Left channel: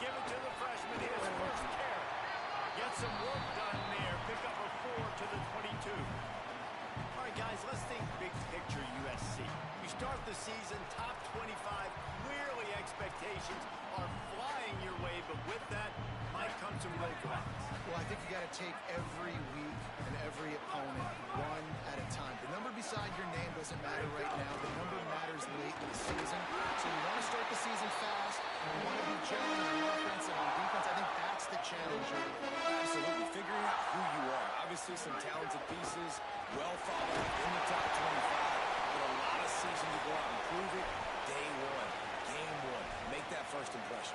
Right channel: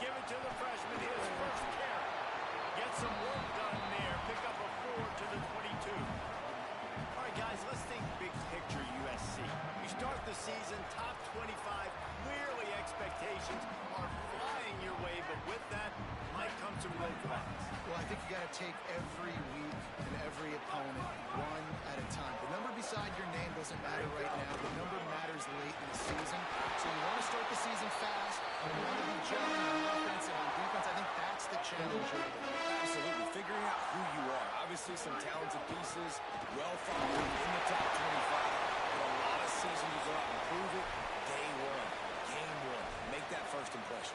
give it to the freshman, his first carry. Get some work done there. Pick up a 4 to the 22. All right, guys, let's think big picture USC. You start the season top 25. Clearly expectations are flying your way, but with that might come some roadblocks. Well, I think you got to take every week and every opponent one at a time. The number beside your name doesn't matter right now. The number matters late in the season. So you want to start the season fast. You want to be gelling on offense and on defense. I think that's the challenge here. Absolutely. Figuring out who you are. Obviously, some talented pieces, well thought of in the top 25, but a lot of season to go out and prove it. Day one, game one. Make that first impression.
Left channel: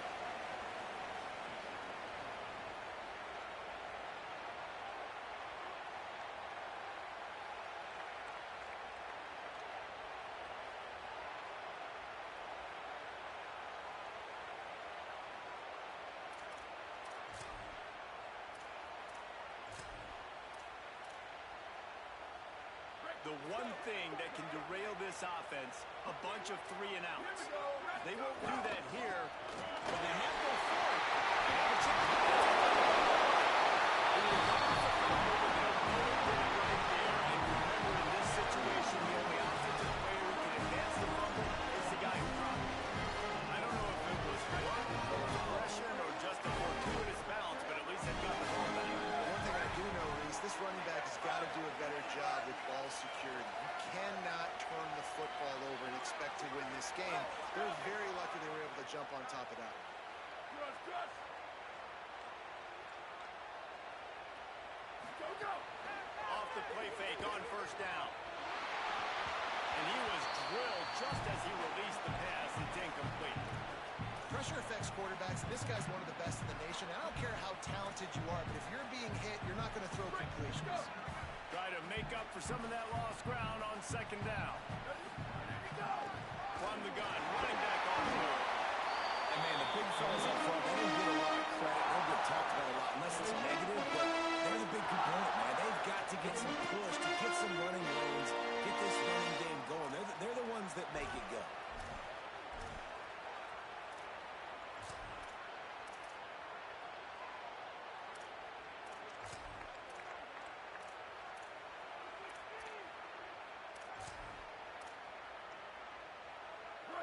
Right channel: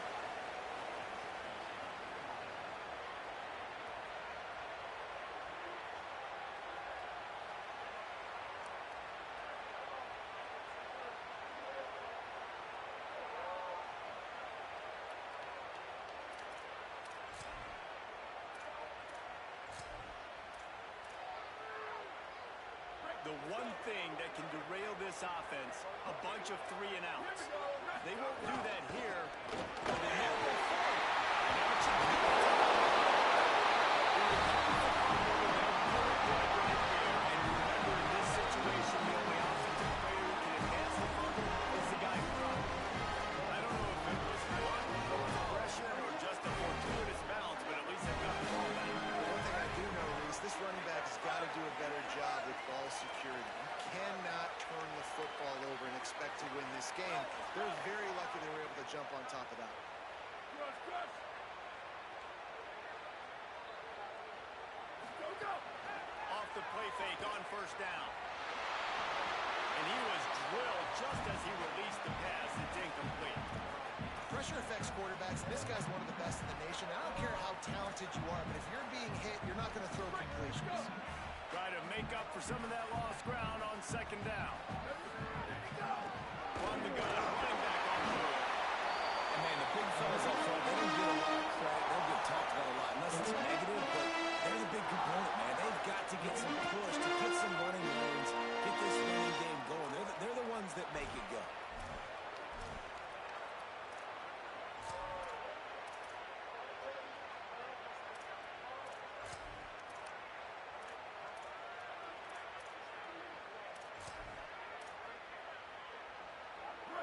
The one thing that can derail this offense, a bunch of 3 and outs. They won't do that here, but they might go for it. They have a chance. When you're coming for fumble, they'll pull it dead right there. And remember, in this situation, the only offensive player who can advance the fumble is the guy who dropped it. I don't know if it was luck or aggression or just a fortuitous bounce, but at least they've got the ball back. One thing I do know, Reese, this running back has got to do a better job with ball security. You cannot turn the football over and expect to win this game. They're very lucky they were able to jump on top of that. Cross. Go. Off the play fake on first down. And he was drilled just as he released the pass. It's incomplete. Pressure affects quarterbacks, and this guy's one of the best in the nation. I don't care how talented you are, but if you're being hit, you're not going to throw completions. Try to make up for some of that lost ground on second down. From the gun, running back on the move. And, man, the big fellas up front, they don't get a lot of credit. They don't get talked about a lot unless it's negative, but they're the big component, man. They've got to get some push, to get some running lanes, get this running game going. They're the ones that make it go.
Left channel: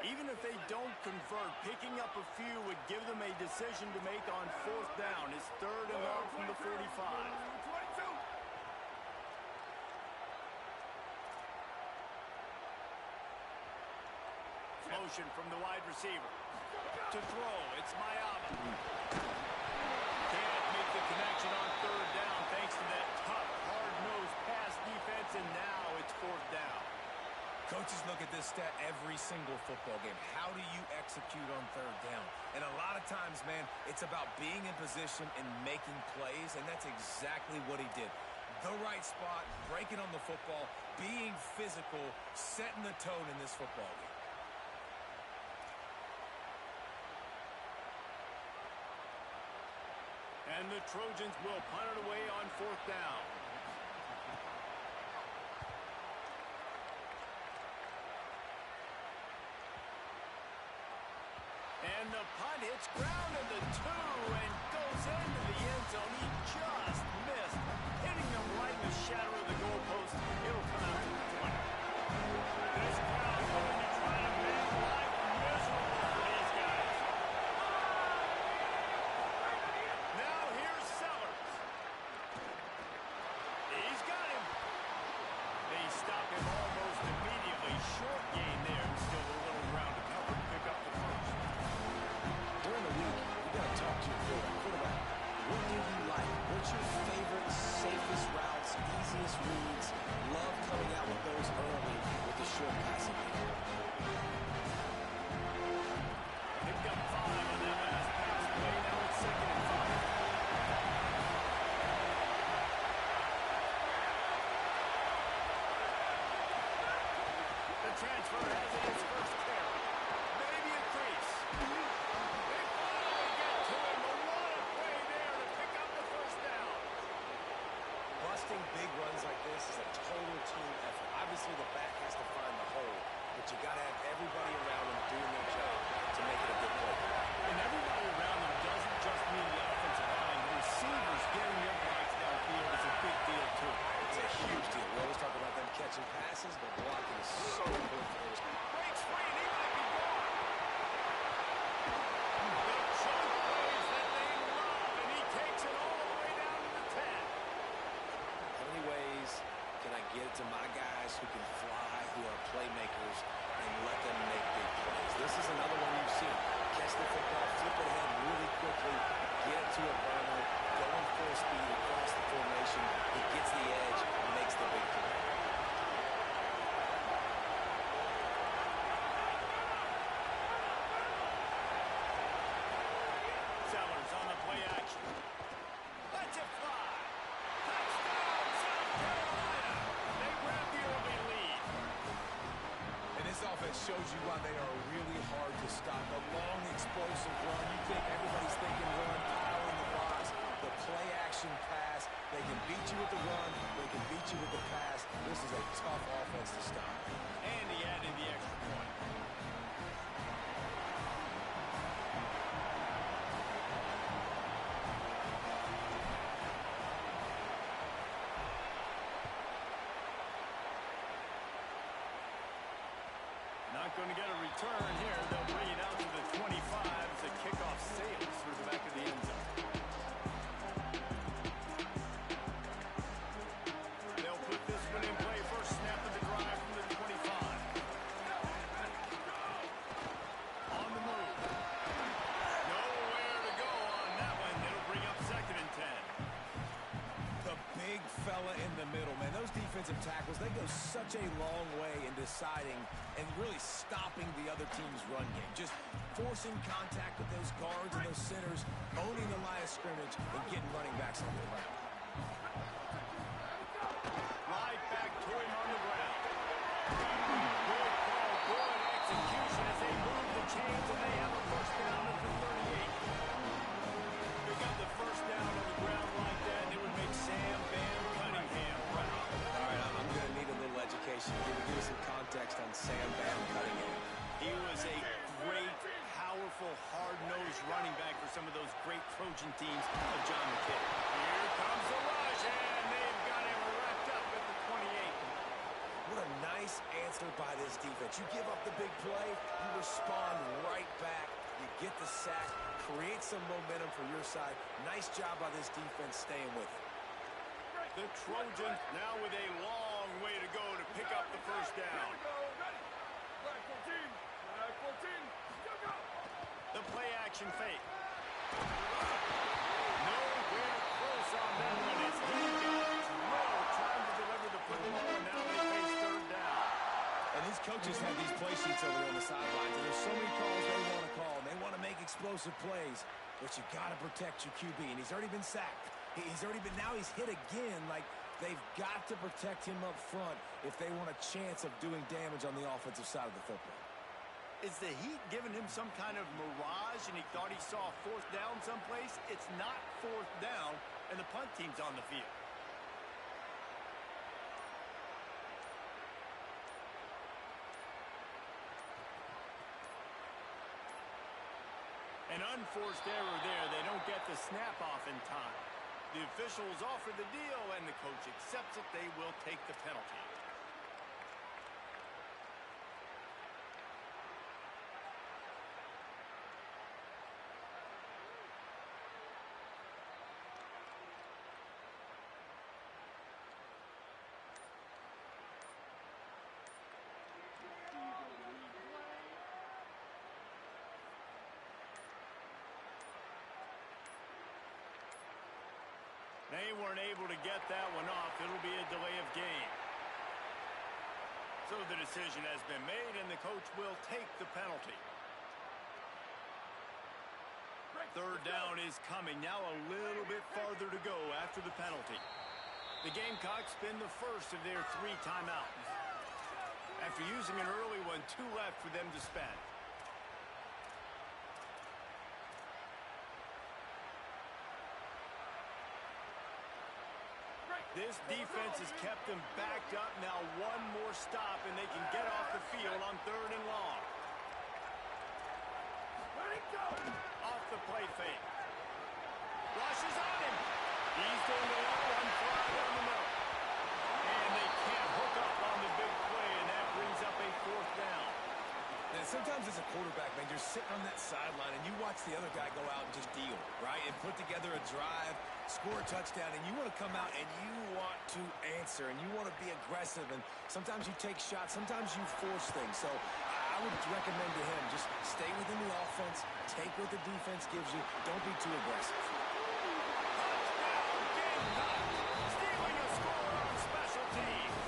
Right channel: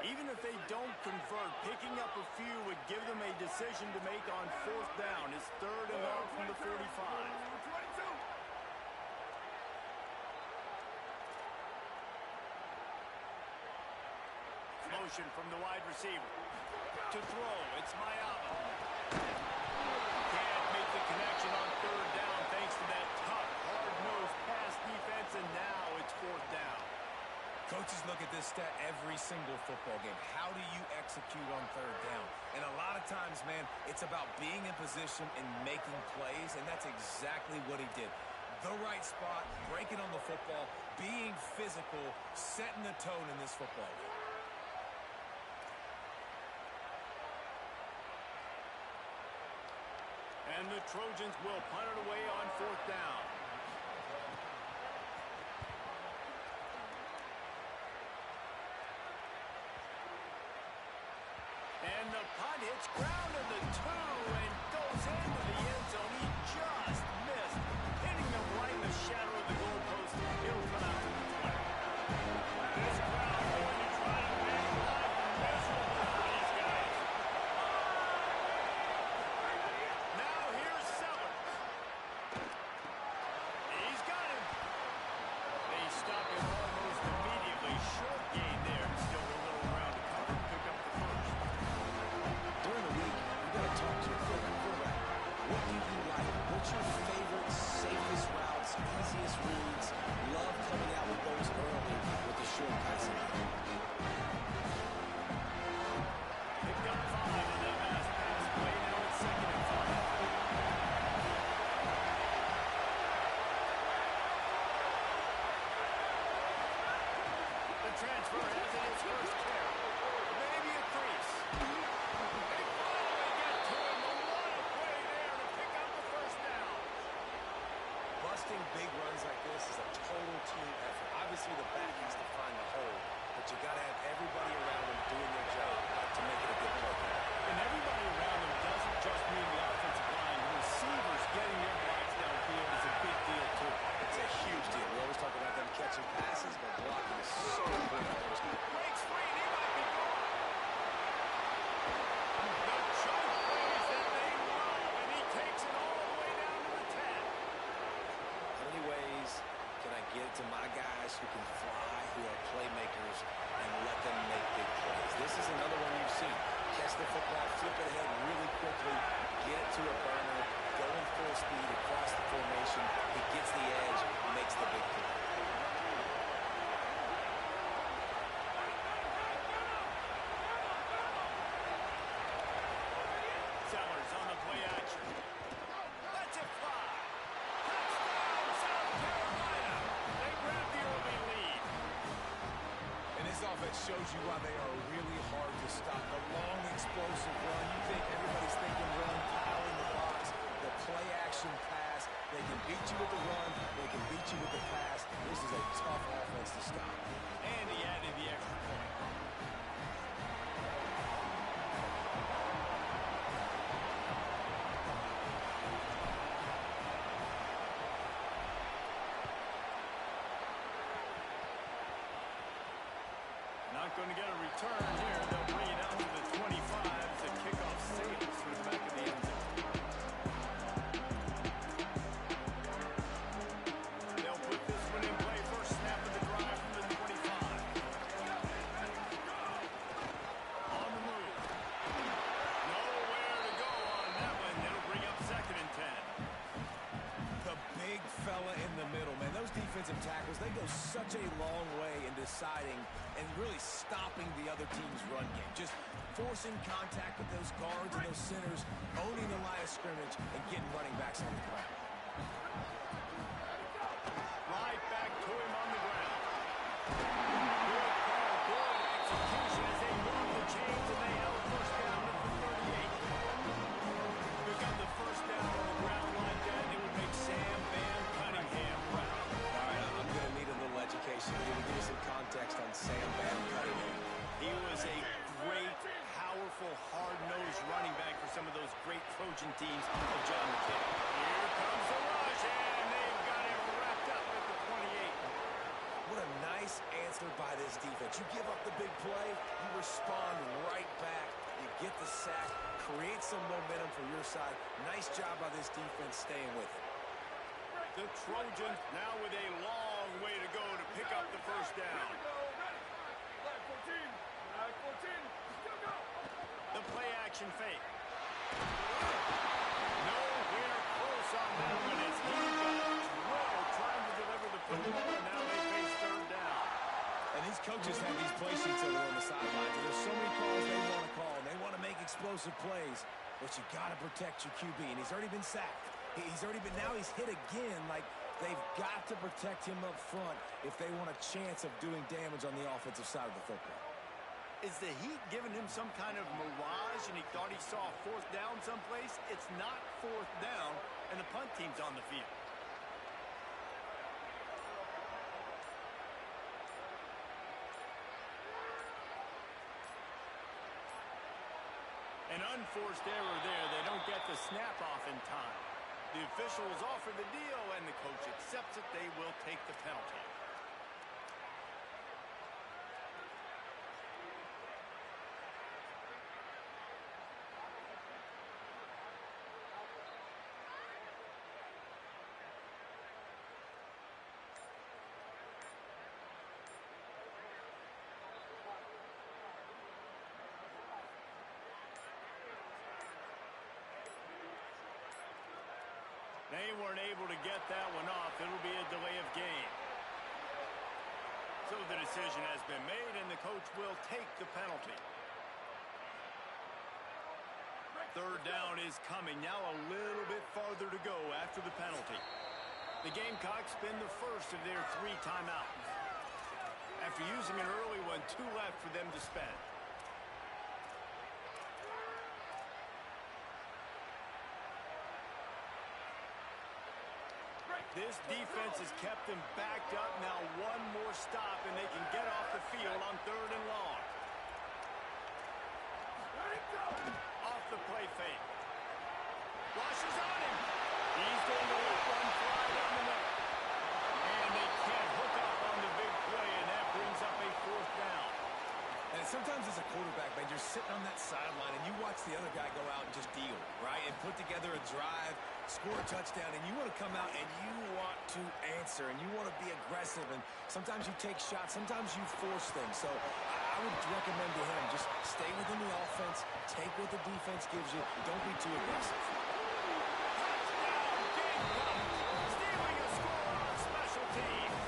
Even if they don't convert, picking up a few would give them a decision to make on fourth down. It's 3rd and long from the 45. 22. Motion from the wide receiver. To throw, it's Mayaba. Can't make the connection on 3rd down thanks to that tough, hard-nosed pass defense, and now it's 4th down. Coaches look at this stat every single football game. How do you execute on 3rd down? And a lot of times, man, it's about being in position and making plays, and that's exactly what he did. The right spot, breaking on the football, being physical, setting the tone in this football game. And the Trojans will punt it away on 4th down. And the punt hits ground in the 2 and goes into the end zone. He just missed, hitting them right in the shadow of the goalpost. It'll come out to the 20. This crowd going to try to make life miserable for these guys. Now here's Sellers. He's got him. They stop him almost immediately. Short gain there. Still a little ground to cover. Pick up the first. During the week, you got to talk to your quarterback. What do you like? What's your favorite, safest routes, easiest reads? Love coming out with those early with the short passing game. Picked up 5 on that last pass play. Now it's 2nd and 5. The transfer has it his first carry. Maybe a crease. They finally get to him. A lot of play there to pick up the first down. Busting big runs like this is a total team effort. Obviously, the back has to find the hole, but you got to have everybody around them doing their job to make it a good play. And everybody around them doesn't just mean the offensive line. The receivers getting their blocks downfield is a big deal, too. It's a huge deal. We always talk about them catching passes, but blocking is so important for those. Breaks free, and he might be gone. The choke plays that they love, and he takes it all the way down to the 10. How many ways can I get it to my guys who can fly, who are playmakers, and let them make big plays? This is another one you've seen. Catch the football, flip it ahead really quickly, get it to a burner, going full speed across the formation. He gets the edge, makes the big play. Sellers on the play action. Lets it fly. Touchdown, South Carolina. They grab the early lead. And this offense shows you why they are really hard to stop. The long, explosive run. You think everybody's thinking run, pile in the box. The play action pass. They can beat you with the run. They can beat you with the pass. This is a tough offense to stop. And he added the extra point. Not going to get a return here. They'll bring it out to the 25 as the kickoff sails through the back of the end zone. They'll put this one in play. First snap of the drive from the 25. On the move. Nowhere to go on that one. It'll bring up 2nd and 10. The big fella in the middle, man. Those defensive tackles, they go such a long way in deciding and really stopping the other team's run game. Just forcing contact with those guards and those centers, owning the line of scrimmage, and getting running backs on the ground. Right back to him on the ground. Good call, good execution as they move the chains, and they have a first down at the 38. Pick up the first down on the ground like that, and it would make Sam Bam Cunningham proud. All right, I'm going to need a little education. Give me some context on Sam Bam Cunningham. He was a great, powerful, hard-nosed running back for some of those great Trojan teams of John McKinney. Here comes the rush, and they've got him wrapped up at the 28. What a nice answer by this defense. You give up the big play, you respond right back. You get the sack, create some momentum for your side. Nice job by this defense staying with it. The Trojans now with a long way to go to pick up the first down. Flag 14. Flag 14. Still go. The play action fake. Nowhere close on that one as he got drilled trying to deliver the football, and now they face 3rd down. And these coaches have these play sheets over there on the sidelines, and there's so many calls they want to call, and they want to make explosive plays, but you got to protect your QB, and he's already been sacked. Now he's hit again. Like, they've got to protect him up front if they want a chance of doing damage on the offensive side of the football. Is the Heat giving him some kind of mirage, and he thought he saw a 4th down someplace? It's not 4th down, and the punt team's on the field. An unforced error there. They don't get the snap off in time. The officials offer the deal, and the coach accepts it. They will take the penalty. They weren't able to get that one off. It'll be a delay of game. So the decision has been made, and the coach will take the penalty. 3rd down is coming. Now a little bit farther to go after the penalty. The Gamecocks spin the first of their 3 timeouts. After using an early one, 2 left for them to spend. This defense has kept them backed up. Now one more stop, and they can get off the field on 3rd and long. Let it go! Off the play fake. Rushes on him. He's going to let one fly down the middle. And they can't hook up on the big play, and that brings up a 4th down. And sometimes as a quarterback, man, you're sitting on that sideline and you watch the other guy go out and just deal, right? And put together a drive, score a touchdown, and you want to come out and you want to answer and you want to be aggressive. And sometimes you take shots, sometimes you force things. So I would recommend to him just stay within the offense, take what the defense gives you, don't be too aggressive. Touchdown, Gamecocks! Stealing a score on special teams.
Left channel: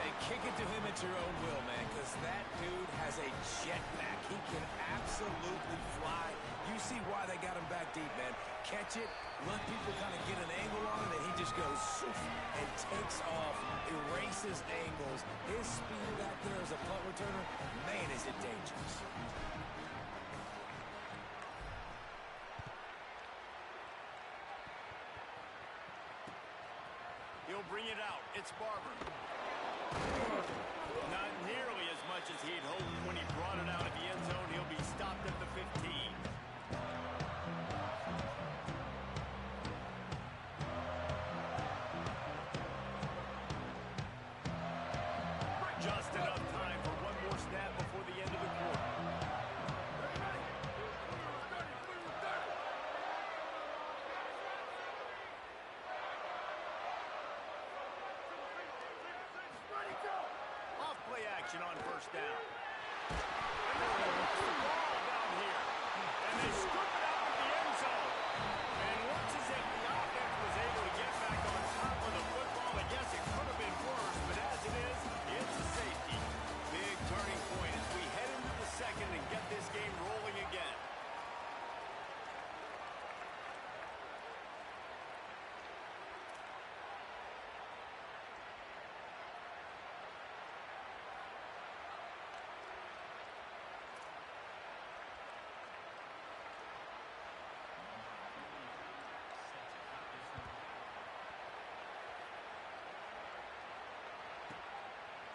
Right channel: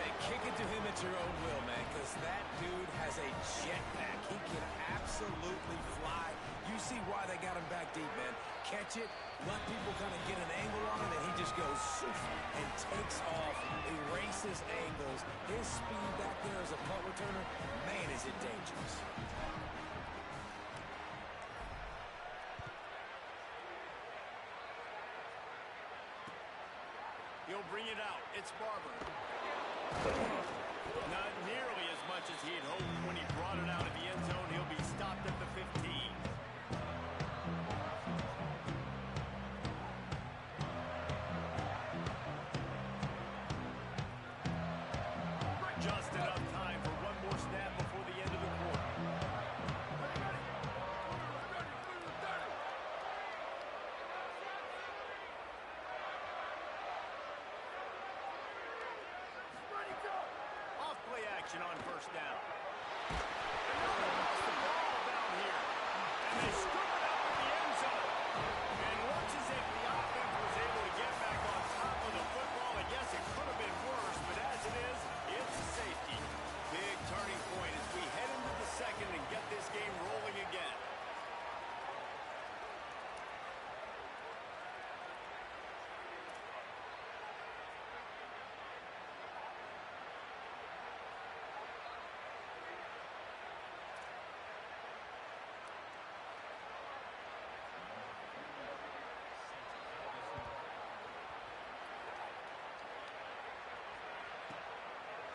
Hey, kick it to him at your own will, man, because that dude has a jetpack. He can absolutely fly. You see why they got him back deep, man. Catch it, let people kind of get an angle on it, and he just goes soof and takes off, erases angles. His speed back there as a punt returner, man, is it dangerous. He'll bring it out. It's Barber. Not nearly as much as he had hoped when he brought it out of the end zone. He'll be stopped at the 15. Just enough time for one more snap before the end of the quarter. Off play action on 1st down. And now they lost the ball down here. And they scoop it up at the end zone. And looks as if the offense was able to get back on top of the football. And yes, it could have been worse, but as it is, it's a safety. Big turning point as we head into the 2nd and get this game rolling again.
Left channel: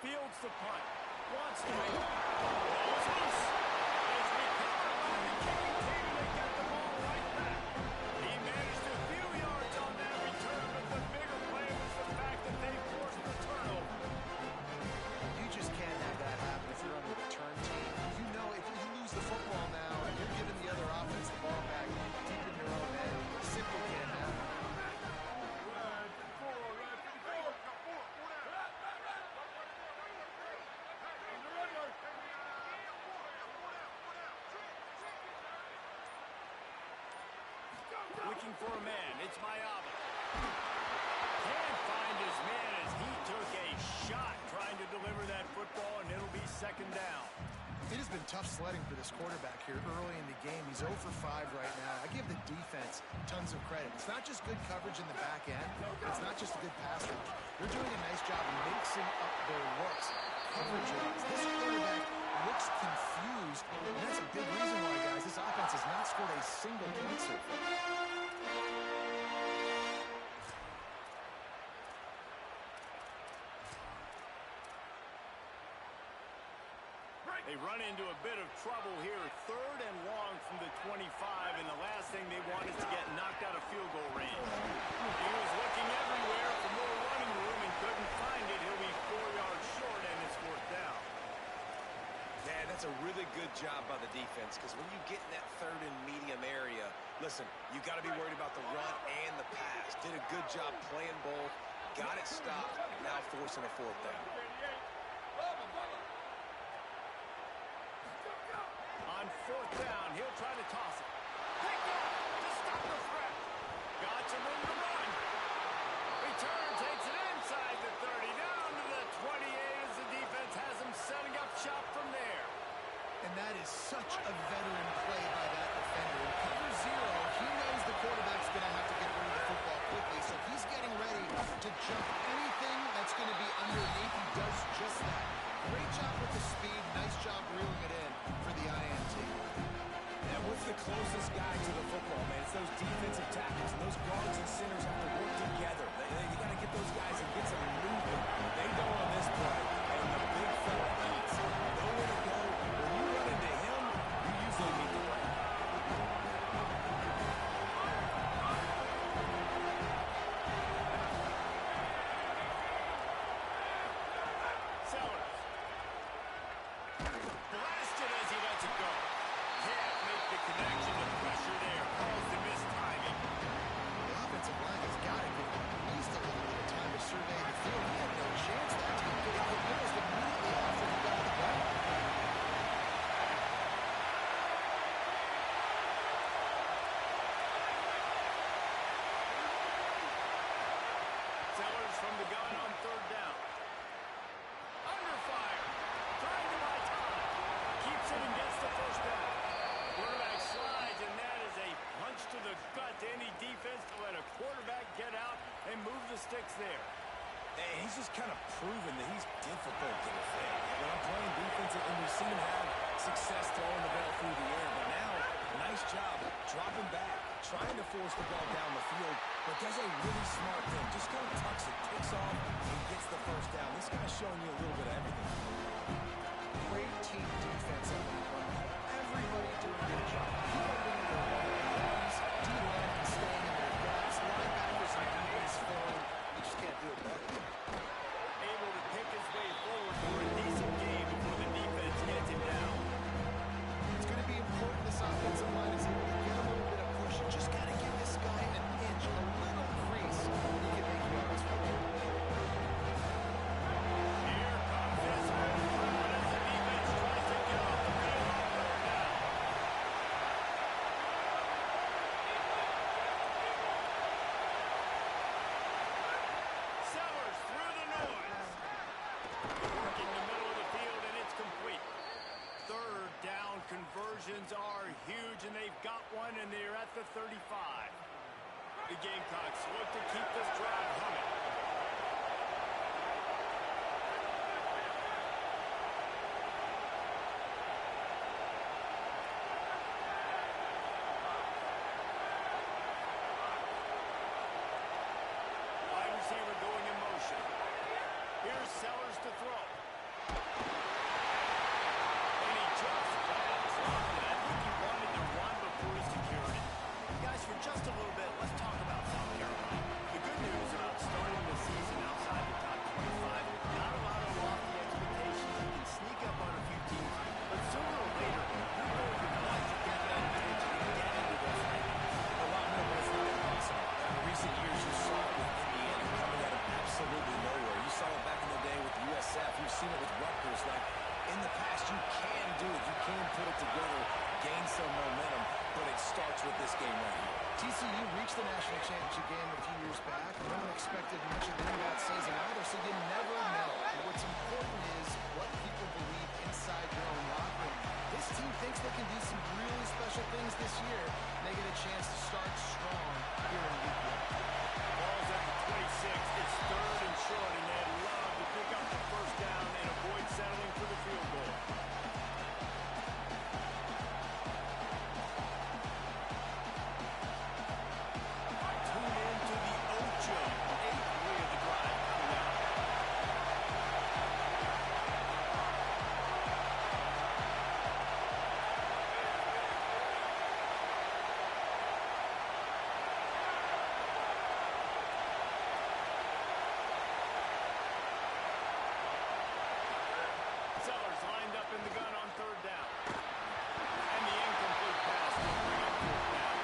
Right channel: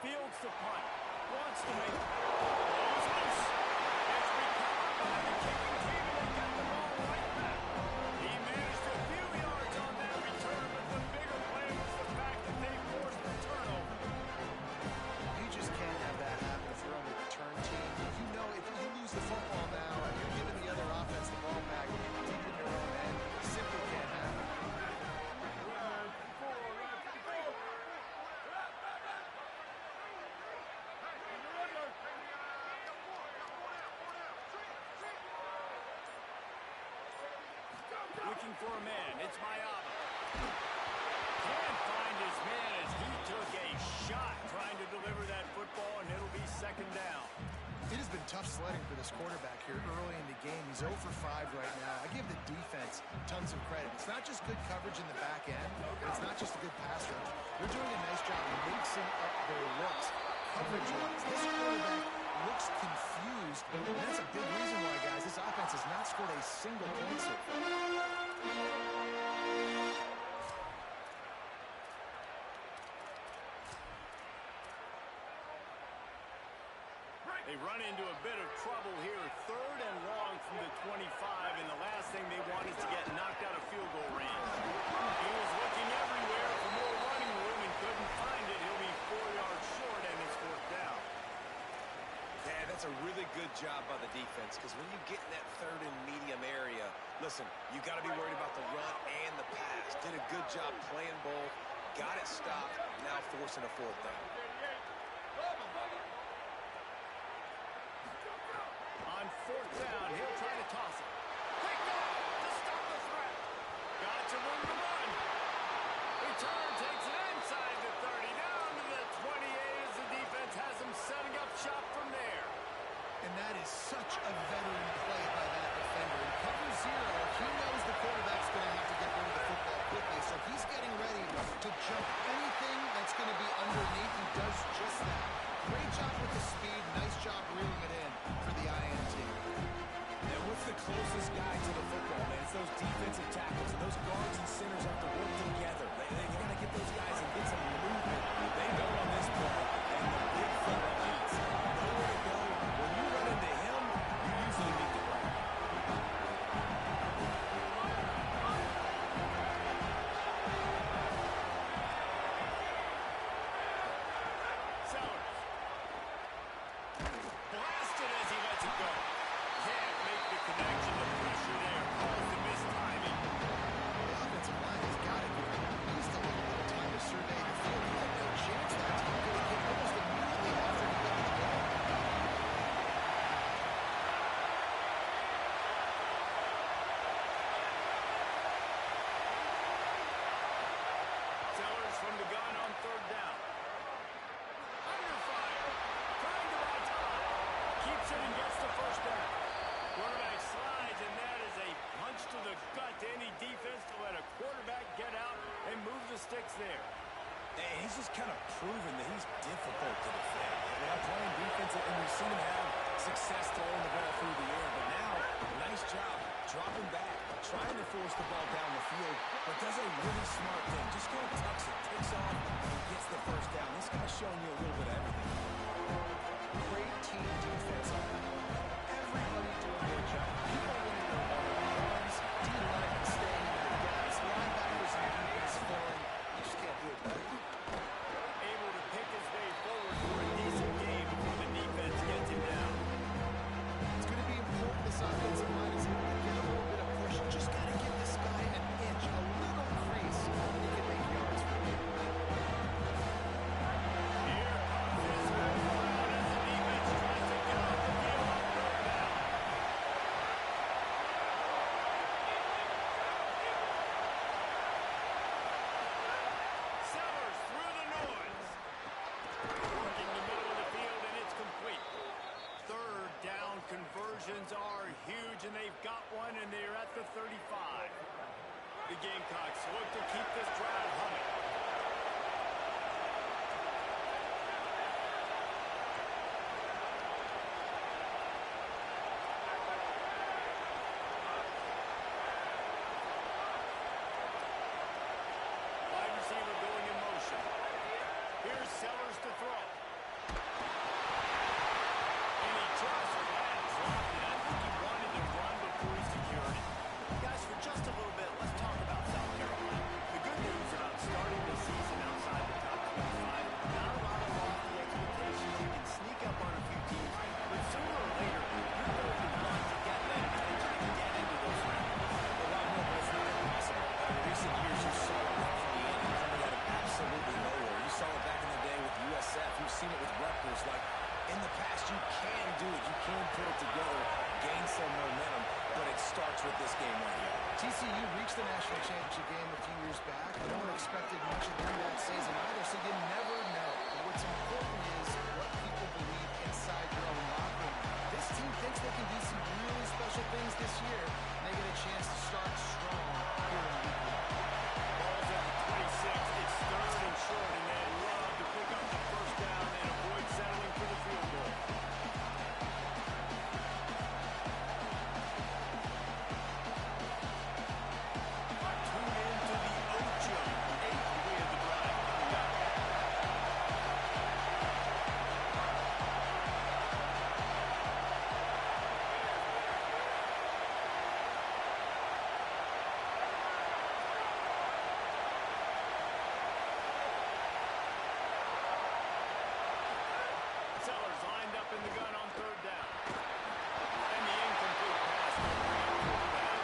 Fields the punt. Wants to make it. Ball is loose. It's recovered by the kicking team, and they get the ball right back. He managed a few yards on that return, but the bigger play was the fact that they forced the turnover. You just can't have that happen if you're on the return team. You know if you lose the football now and you're giving the other offense the ball back deep in your own end, it simply can't happen. Looking for a man. It's Mayaba. Can't find his man as he took a shot trying to deliver that football, and it'll be 2nd down. It has been tough sledding for this quarterback here early in the game. He's 0 for 5 right now. I give the defense tons of credit. It's not just good coverage in the back end. It's not just a good pass rush. They're doing a nice job mixing up their looks coverage-wise. This quarterback looks confused, and that's a big reason why, guys, this offense has not scored a single point so far. They run into a bit of trouble here. 3rd and long from the 25, and the last thing they want is to get knocked out of field goal range. He was looking everywhere for more running room and couldn't find it. He'll be 4 yards short, and it's 4th down. Yeah, that's a really good job by the defense, because when you get in that 3rd and medium area, listen, you got to be worried about the run and the pass. Did a good job playing both, got it stopped, now forcing a 4th down. On 4th down, he'll try to toss it. Picked off to stop the threat. Got some room to run. Return takes it inside the 30, down to the 28 as the defense has him setting up shop from there. And that is such a veteran play by that defender. In cover 0, he knows the quarterback's going to have to get rid of the football quickly, so he's getting ready to jump anything that's going to be underneath. He does just that. Great job with the speed. Nice job reeling it in for the INT. Now, what's the closest guy to the football, man? It's those defensive defensive tackles, and those guards and centers have to work together. They got to get those guys and get some movement. They don't on this play, and the big fella eats. Nowhere to go. When you run into him, you usually meet the ground. Sellers. Blasted as he lets it go. Can't make the connection. The pressure there caused the missed timing. The offensive line has got to give him at least a little bit of time to survey the field. He had no chance that time getting hit almost immediately after he got the ball. Sellers from the gun on third down. Under fire. Trying to buy time. Keeps it and gets the first down. Quarterback slides, and that is a punch to the gut to any defense to let a quarterback get out and move the sticks there. And he's just kind of proven that he's difficult to defend. When I'm playing defense, and we've seen him have success throwing the ball through the air, but now, nice job dropping back, trying to force the ball down the field, but does a really smart thing. Just kind of tucks it, takes off, and gets the first down. This guy's showing you a little bit of everything. Great team defense on that one. Everybody doing their job. People winning their one-on-ones, D-linemen staying in their gaps, linebackers and defense filling. You just can't do it better. Able to pick his way forward for a decent game before the defense gets him down. It's going to be important this offensive line is able to get a little bit of push. Just got to give this guy an inch, a little crease, and he can make yards for you. Here comes his home crowd as the defense tries to get off the field on third down. Sellers through the noise. Working the middle of the field, and it's complete. Third down conversions are huge, and they've got one, and they're at the 35. The Gamecocks look to keep this drive humming. Wide receiver going in motion. Here's Sellers to throw. And he just flat dropped it. I think he wanted to run before he secured it. Guys, for just a little bit, let's talk about South Carolina. The good news about starting the season outside the top 25, not a lot of lofty expectations. You can sneak up on a few teams, but sooner or later, you're going to want to get that attention and get into those rankings. A lot more, but it's not impossible. In recent years, you saw it with Indiana coming out of absolutely nowhere. You saw it back in the day with USF. You've seen it with Rutgers. Like, in the past, you can do it. You can put it together, gain some momentum, but it starts with this game right here. TCU reached the national championship game a few years back. No one expected much of them that season either, so you never know. And what's important is what people believe inside your own locker room. This team thinks they can do some really special things this year, and they get a chance to start strong here in week 1. Ball's at the 26. It's third and short, and they'd love to pick up the first down and avoid settling for the field goal. Tune in to the Ocho. 8th play of the drive coming up. Sellers lined up in the gun on third down. And the incomplete pass will bring up fourth down.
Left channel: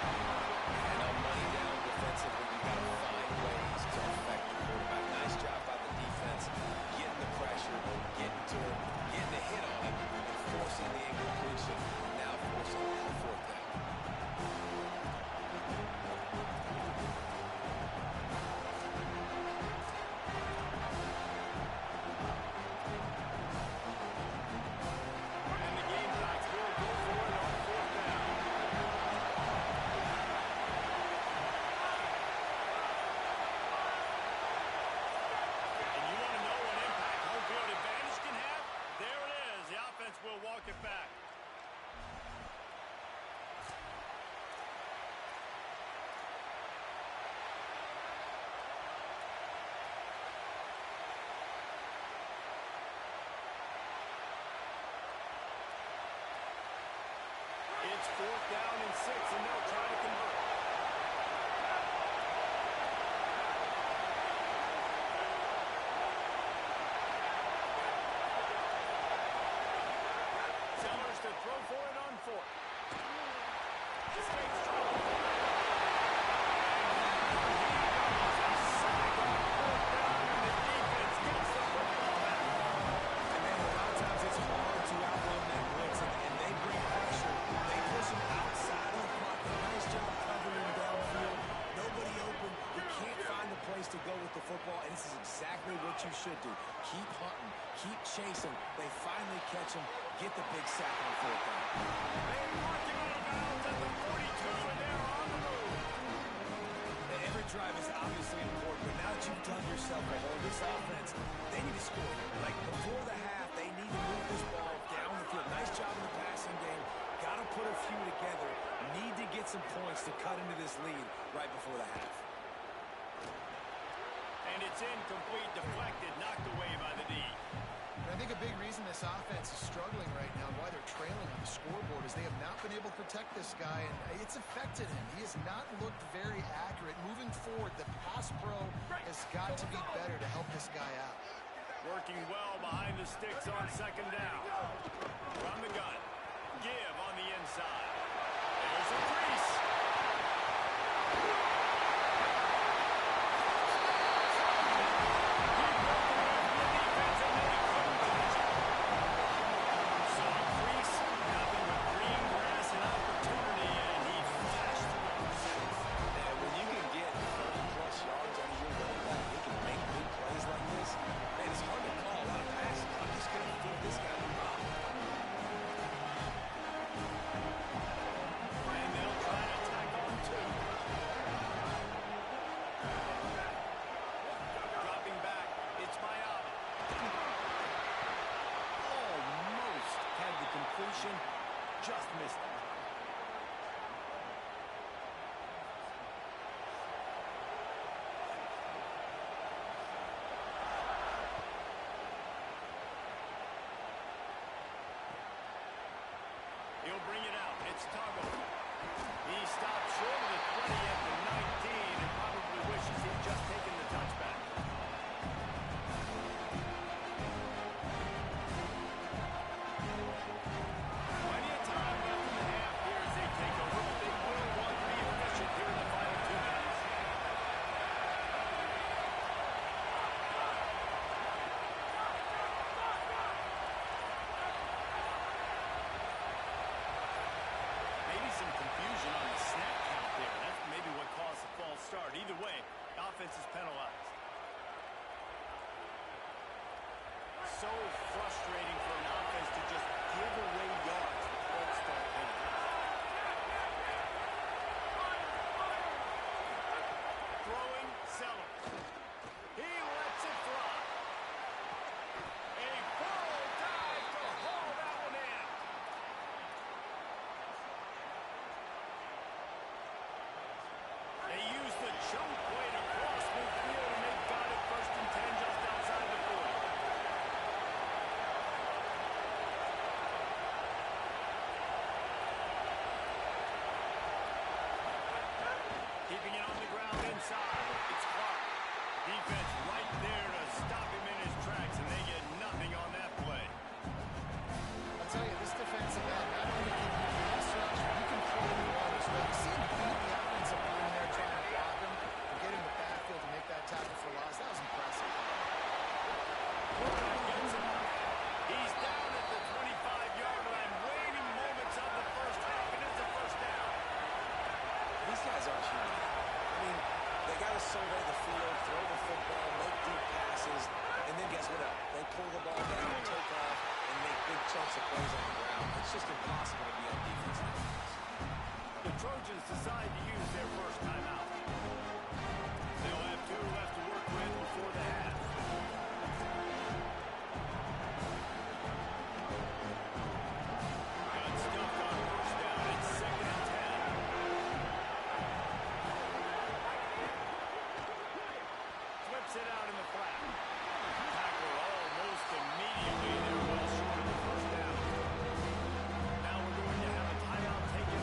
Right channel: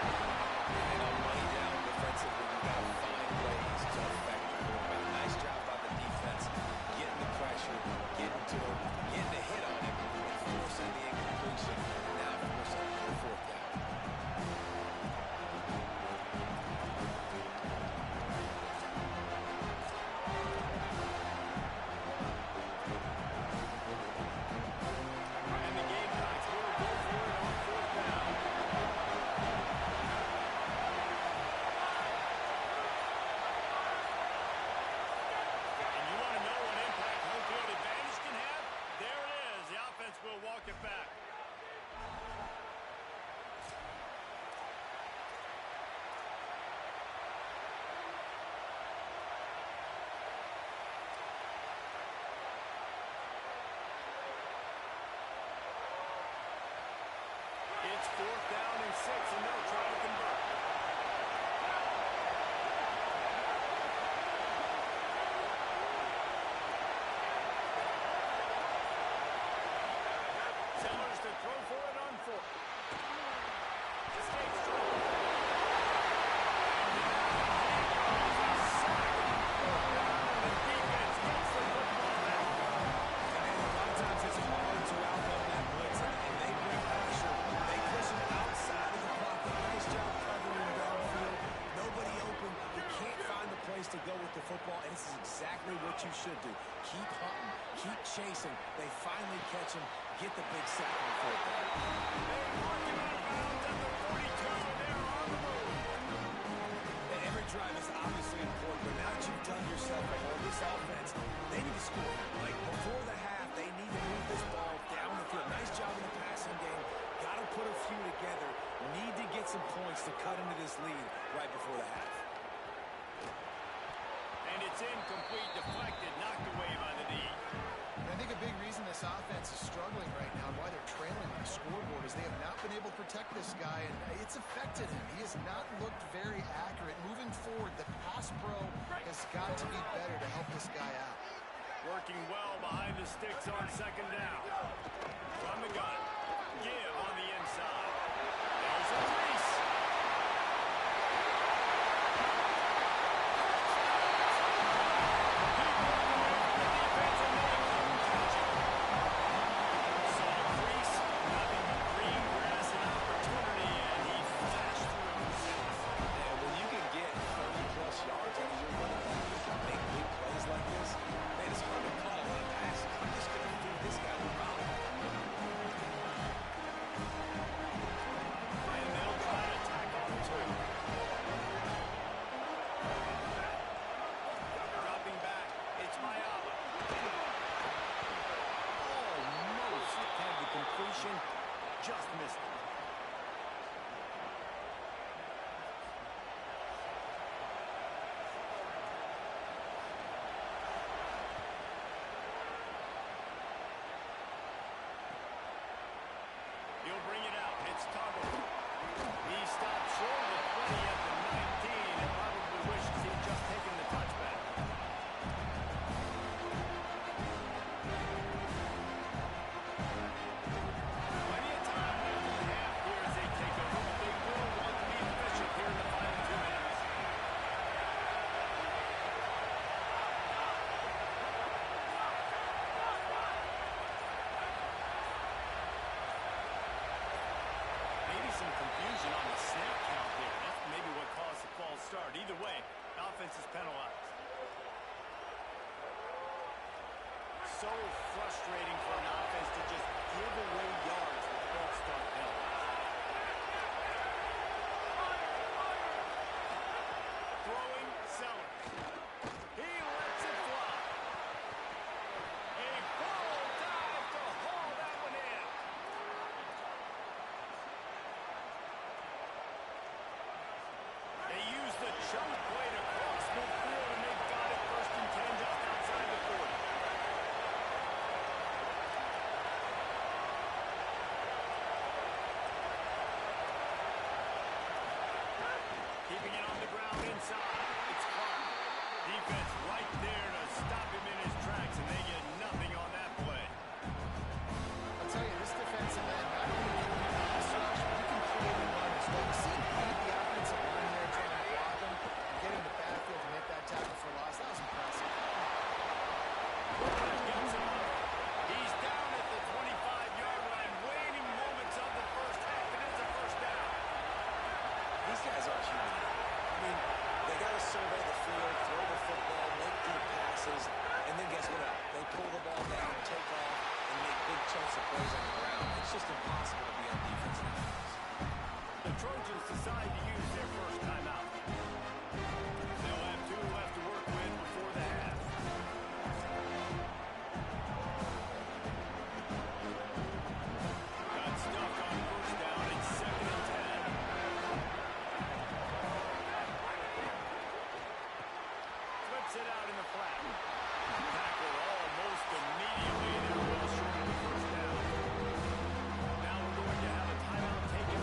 And on money down defensively, you've got to find ways to affect the quarterback. Nice job by the defense, getting the pressure, getting to him, getting a hit on him, and forcing the incompletion. Now forcing the fourth down. And the Gamecocks It's 4th down and 6, and they'll try to convert. Sellers to throw for it on 4th. Escapes trouble. And down he goes. A sack on 4th down, and the defense gets the football back. And man, a lot of times it's hard to outrun that blitz, and they bring pressure. They push him outside of the pocket. Nice job covering him downfield. Nobody open. You can't find the place to go with the football, and this is exactly what you should do. Keep hunting. Keep chasing. They finally catch him. Get the big sack on 4th down. They mark him out of bounds at the 42, and they're on the move. Every drive is obviously important, but now that you've done yourself a hole, this offense, they need to score. Like before the half, they need to move this ball down the field. Nice job in the passing game. Got to put a few together. Need to get some points to cut into this lead right before the half. And it's incomplete, deflected, knocked away by the D. And I think a big reason this offense is struggling right now and why they're trailing on the scoreboard is they have not been able to protect this guy, and it's affected him. He has not looked very accurate. Moving forward, the pass pro has got to be better to help this guy out. Working well behind the sticks on 2nd down. From the gun. Give on the inside. There's a crease. He broke away from the defense and they couldn't catch him. So a crease, nothing but green grass and opportunity, and he flashed through it for 6. And when you can get 30-plus yards out of your running back, you can make big plays like this. Man, it's hard to call a lot of passes. I'm just going to feed this guy the rock. And they'll try to tack on 2. Dropping back, it's Mayaba. Almost had the completion, just missed it. He'll bring it out. It's Toggle. He stopped short of the 20 at the 19 and probably wishes he'd just taken the touchback. Plenty of time left in the half here as they take over, but they will want to be efficient here in the final 2 minutes. Maybe some confusion on the snap count there. That's maybe what caused the false start. Either way, offense is penalized. So frustrating for an offense to just give away yards with false start penalties. Throwing, Sellers. He lets it fly. A full dive to haul that one in. They use the choke play to cross midfield, and they've got it 1st and 10 just outside the 40. Keeping it on the ground inside. It's Clark. Defense right there to stop him in his tracks, and they get nothing on that play. I'll tell you, this defensive end, not only can he pass rush, but he can play the run as well. You see him beat the offensive line there trying to block him and get in the backfield to make that tackle for loss. That was impressive. Quarterback gets him up. He's down at the 25-yard line, waiting moments of the first half, and it's a 1st down. These guys aren't human. I mean, they got to survey the field, throw the football, make deep passes, and then guess what? They pull the ball down, take off, and make big chunks of plays on the ground. It's just impossible to be on defense nowadays. The Trojans decide to use their first timeout. They'll have 2 left to work with before the half. Got stuffed on 1st down. It's 2nd and 10. Flips it out in the flat. Tackler almost immediately. They're well short of the 1st down. Now we're going to have a timeout taken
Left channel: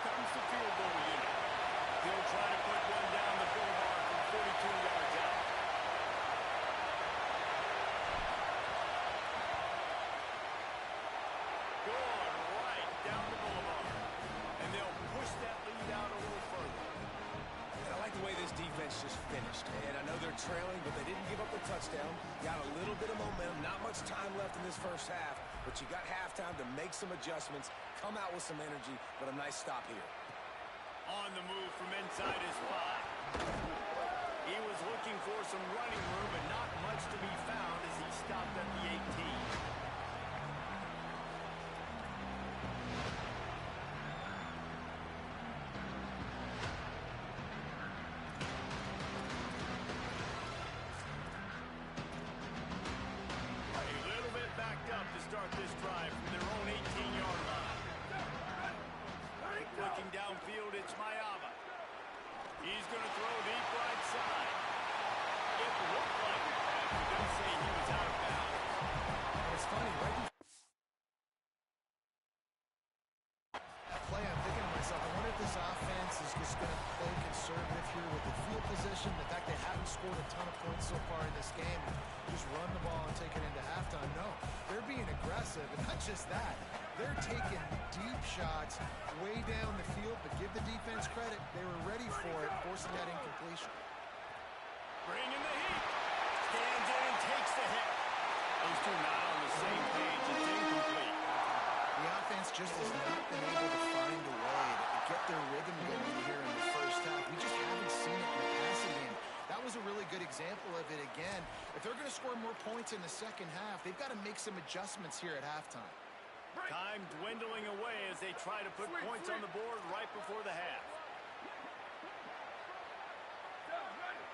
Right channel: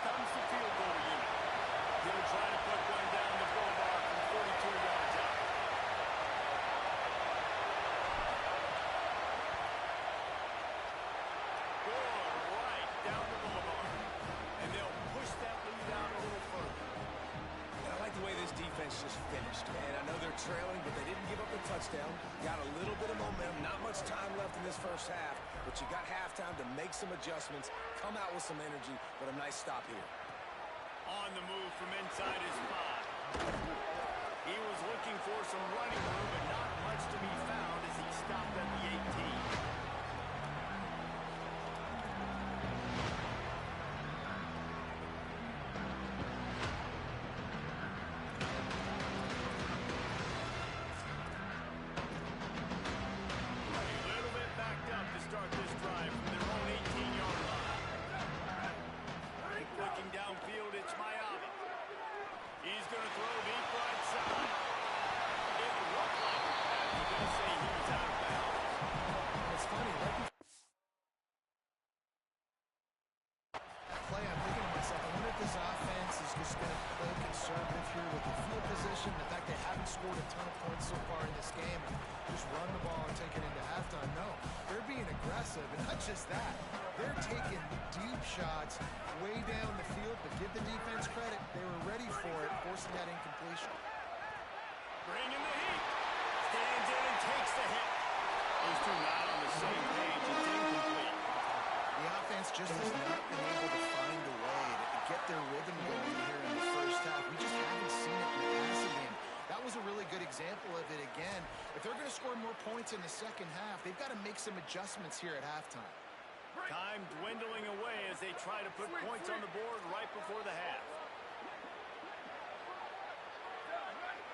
comes the field goal unit. He'll try to put one down the boulevard from 42 yards out. Good, right down the boulevard. And they'll push that lead out a little further. And I like the way this defense just finished. And I know they're trailing, but they didn't give up the touchdown. Got a little bit of momentum. Not much time left in this first half, but you got halftime to make some adjustments, come out with some energy, but a nice stop here. On the move from inside his 5. He was looking for some running room, but not much to be found as he stopped at the 18. Start this drive from their own 18-yard line. Looking downfield, it's Mayava. He's going to throw deep right side. It looked like it, Pat, but they'll say he was out of bounds. It's funny, right before that play, I'm thinking to myself, I wonder if this offense is just going to play conservative here with the field position, the fact they haven't scored a ton of points so far in this game, and just run the ball and take it into halftime. No, they're being aggressive, and not just that. They're taking deep shots way down the field, but give the defense credit. They were ready for it, forcing that incompletion. Bringing the heat. Stands in and takes the hit. Those two not on the same page. It's incomplete. The offense just has not been able to find a way to get their rhythm going here in the first half. We just haven't seen it in the passing game. That was a really good example of it again. If they're going to score more points in the second half, they've got to make some adjustments here at halftime. Time dwindling away as they try to put points on the board right before the half. Down, ready.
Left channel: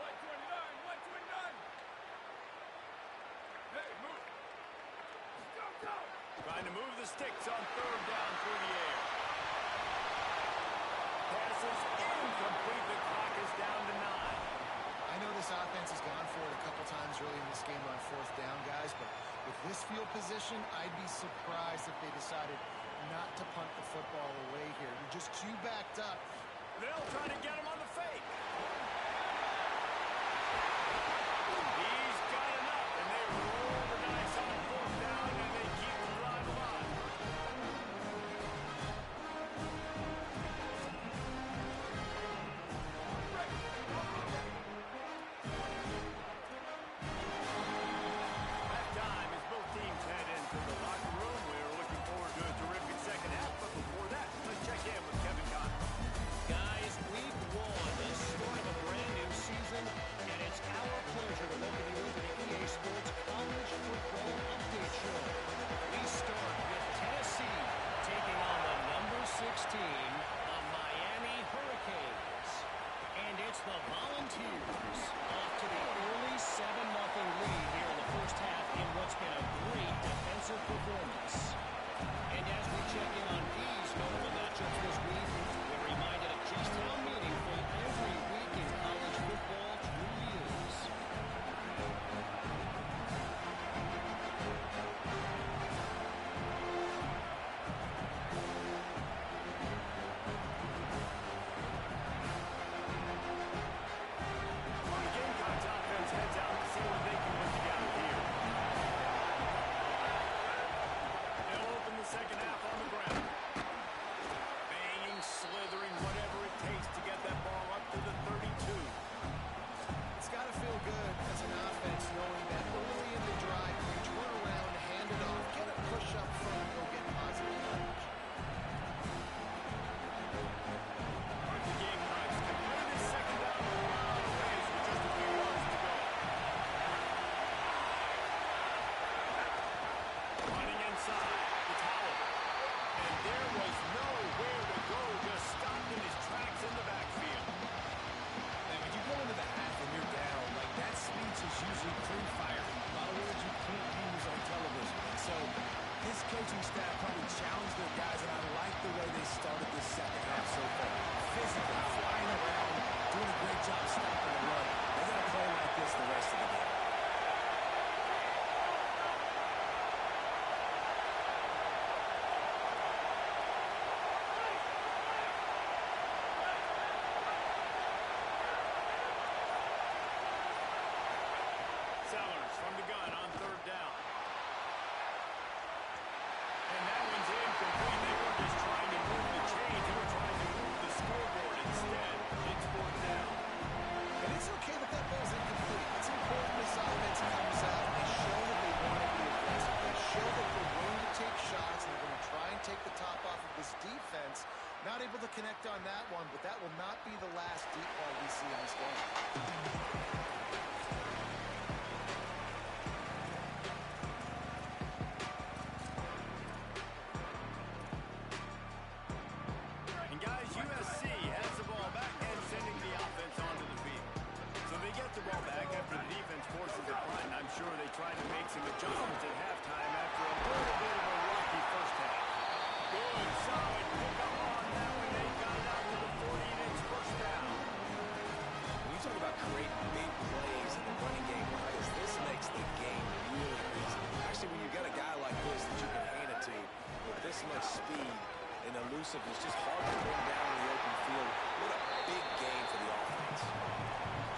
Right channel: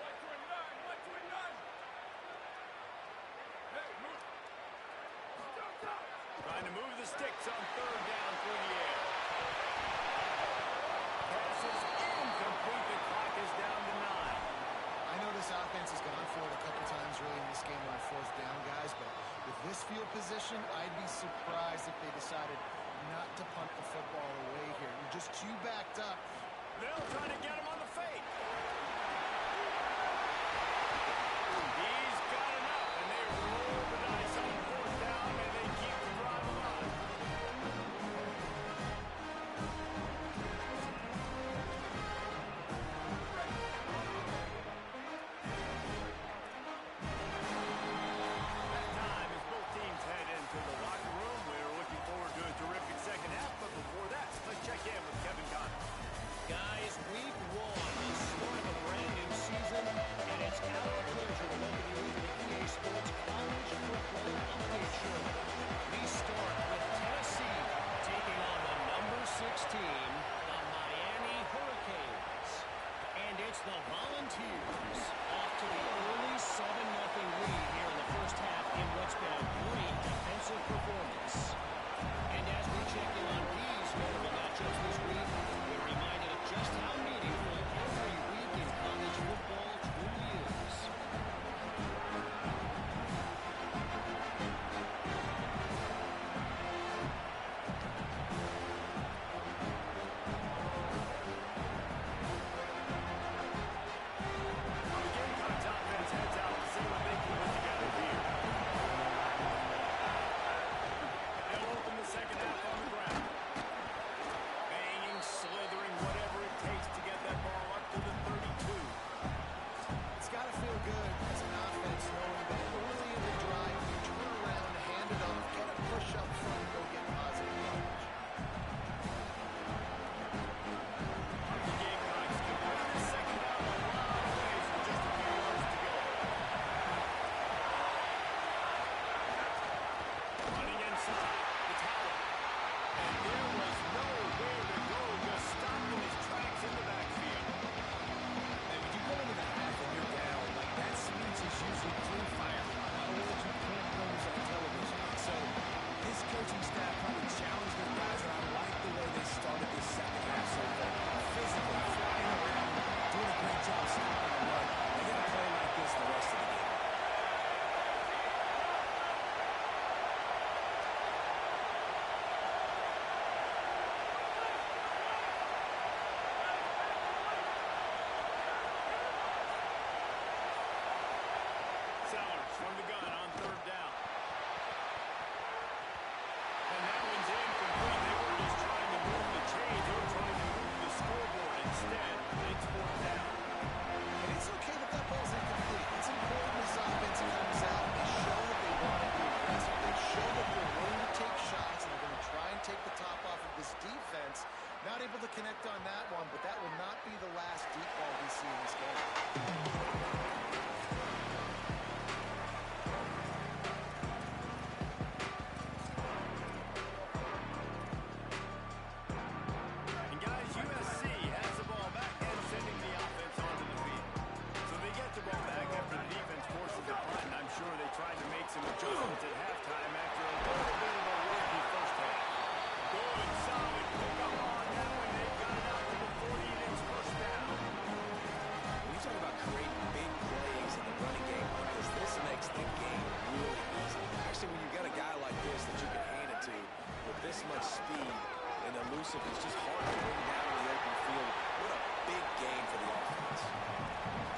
129, 129. Hey, move. Go, go. Trying to move the sticks on third down through the air. Passes incomplete. The clock is down to 9. I know this offense has gone for it a couple times early in this game on fourth down, guys, but with this field position, I'd be surprised if they decided not to punt the football away here. You're just too backed up. They'll try to get him on the fake. He's got enough, and they roll the dice on fourth down, and they keep the drive alive. It's the Volunteers off to the early 7-0 lead here in the first half in what's been a great defensive performance. And as we check in on these notable matchups this week, we're reminded of just how meaningful every week in college football truly is. Heads out to see what they can put together here. They'll open the second half on the ground. Banging, slithering, whatever it takes to get that ball up to the 32. It's got to feel good as an offense knowing that early in the drive, you turn around, hand it off, get a push up front, go get positive yardage. The Gamecocks can put this second down a lot of ways with just a few yards to go. Running inside, it's Howell. And there was nowhere to go, just stopped in his tracks in the backfield. And when you go into the half and you're down, like that speech is usually pretty fire. A lot of words you can't use on television. So his coaching staff probably challenged their guys, and I like the way they started this second half so far. Physically, flying around, doing a great job stopping the run. They got to play like this the rest of the game. Sellers from the gun on third down. And that one's incomplete. They were just trying to move the chains. They were trying to move the scoreboard. Instead, it's fourth down. And it's okay that that ball's incomplete. It's important this offense comes out and they show that they want to be aggressive. They show that they're willing to take shots and they're going to try and take the top off of this defense. Not able to connect on that one, but that will not be the last deep ball we see in this game. And guys, USC has the ball back and sending the offense onto the field. So they get the ball back after the defense forces a punt, and I'm sure they tried to make some adjustments at halftime after a little bit of a rocky first half. Good, solid pickup on that one. They got it out to the 40, and it's first down. When you talk about creating big plays in the running game like this makes the game really easy. Actually, when you've got a guy like this that you can hand it to with this much speed and elusiveness, just hard to bring down in the open field. What a big game for the offense.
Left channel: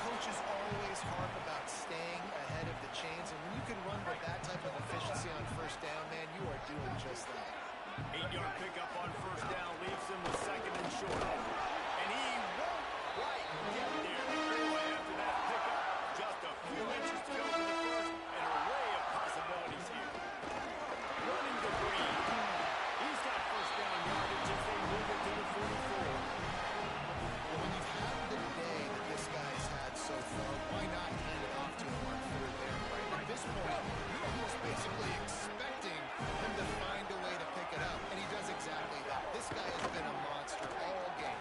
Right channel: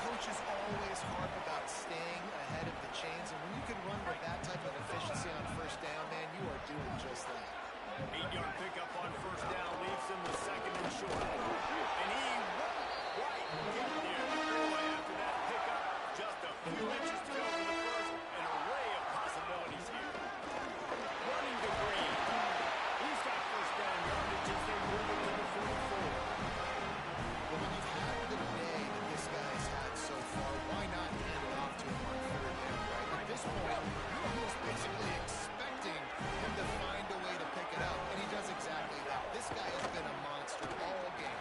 Coaches always harp about staying ahead of the chains, and when you can run with that type of efficiency on first down, man, you are doing just that. 8-yard pickup on first down leaves him with second and short. And he won't quite get there. Boy, after that pickup, just a few inches to go for the first. An array of possibilities here. Running to Green. He's got first down yardage as they move it to the 44. Well, when you've had the day that this guy's had so far, why not hand it off to him on third down, right? At this point, you're almost basically expecting him to find a way to pick it up, and he does exactly that. This guy has been a monster all game.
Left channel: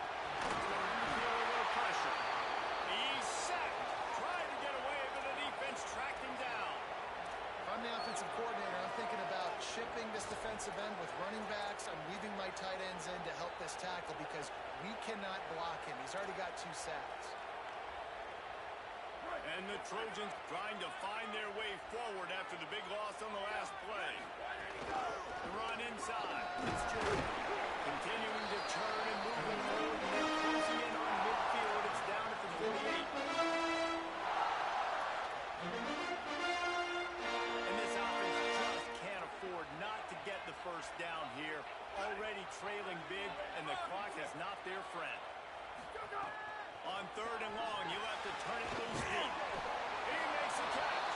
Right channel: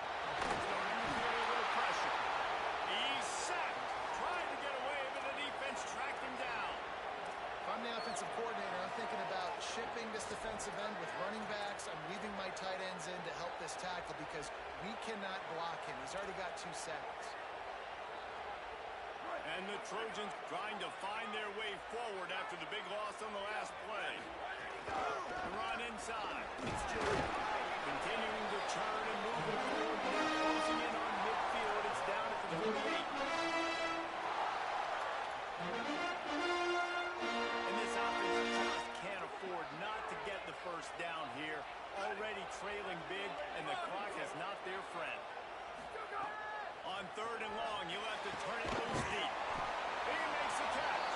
Starting to feel a little pressure. He's sacked. Trying to get away, but the defense tracked him down. If I'm the offensive coordinator, I'm thinking about shipping this defensive end with running backs. I'm leaving my tight ends in to help this tackle because we cannot block him. He's already got 2 sacks. And the Trojans trying to find their way forward after the big loss on the last play. The run inside. It's Jordan. Continuing to churn and moving forward. And they're closing in on midfield. It's down at the 48. And this offense just can't afford not to get the first down here. Already trailing big, and the clock is not their friend. On third and long, you'll have to turn it loose deep. He makes a catch.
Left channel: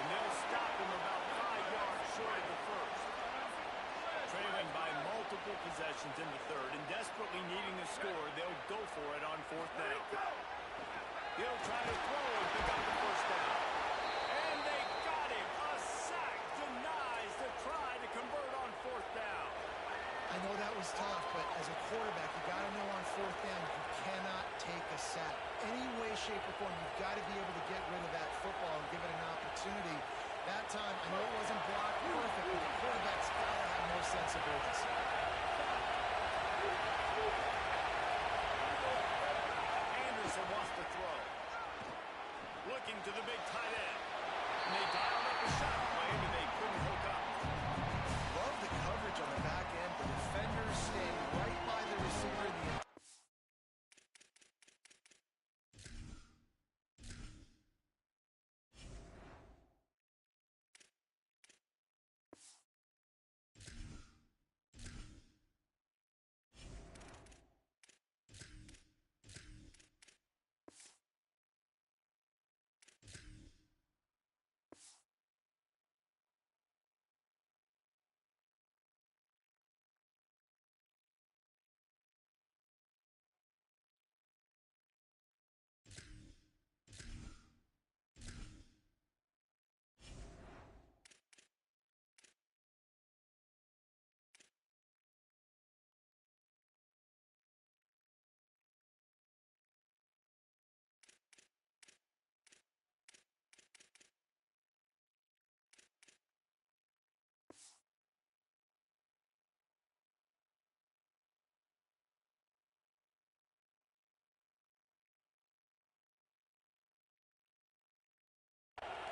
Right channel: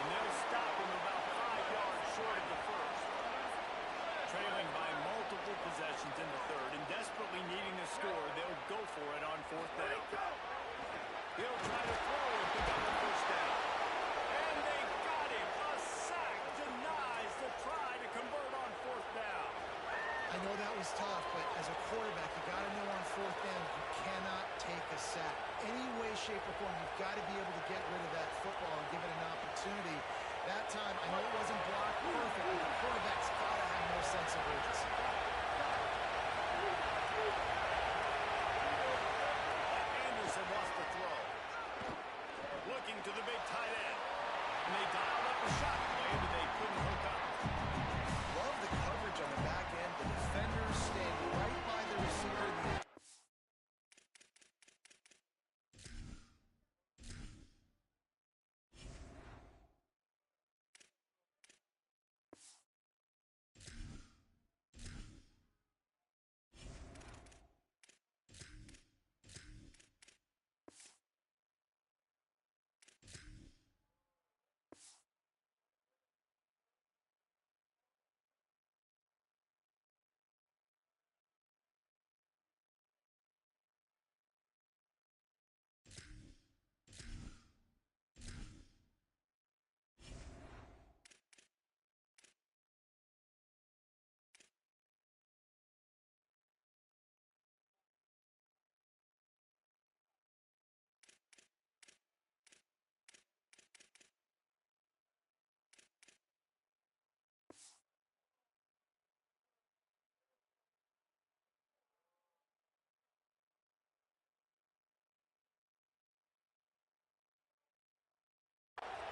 And they'll stop him about 5 yards short of the first. Trailing by multiple possessions in the third and desperately needing a score, they'll go for it on fourth down. He'll try to throw and pick up the first down. And they got him. A sack denies the try to convert on fourth down. I know that was tough, but as a quarterback, you got to know on fourth down, you cannot take a sack. Any way, shape, or form, you've got to be able to get rid of that football and give it an opportunity. That time, I know it wasn't blocked perfect, but the quarterback's got to have more sense of urgency. Anderson wants to throw. Looking to the big tight end. And they dialed up a shot play, but they couldn't hook up. Love the coverage on the back end. The defenders stand right by the receiver.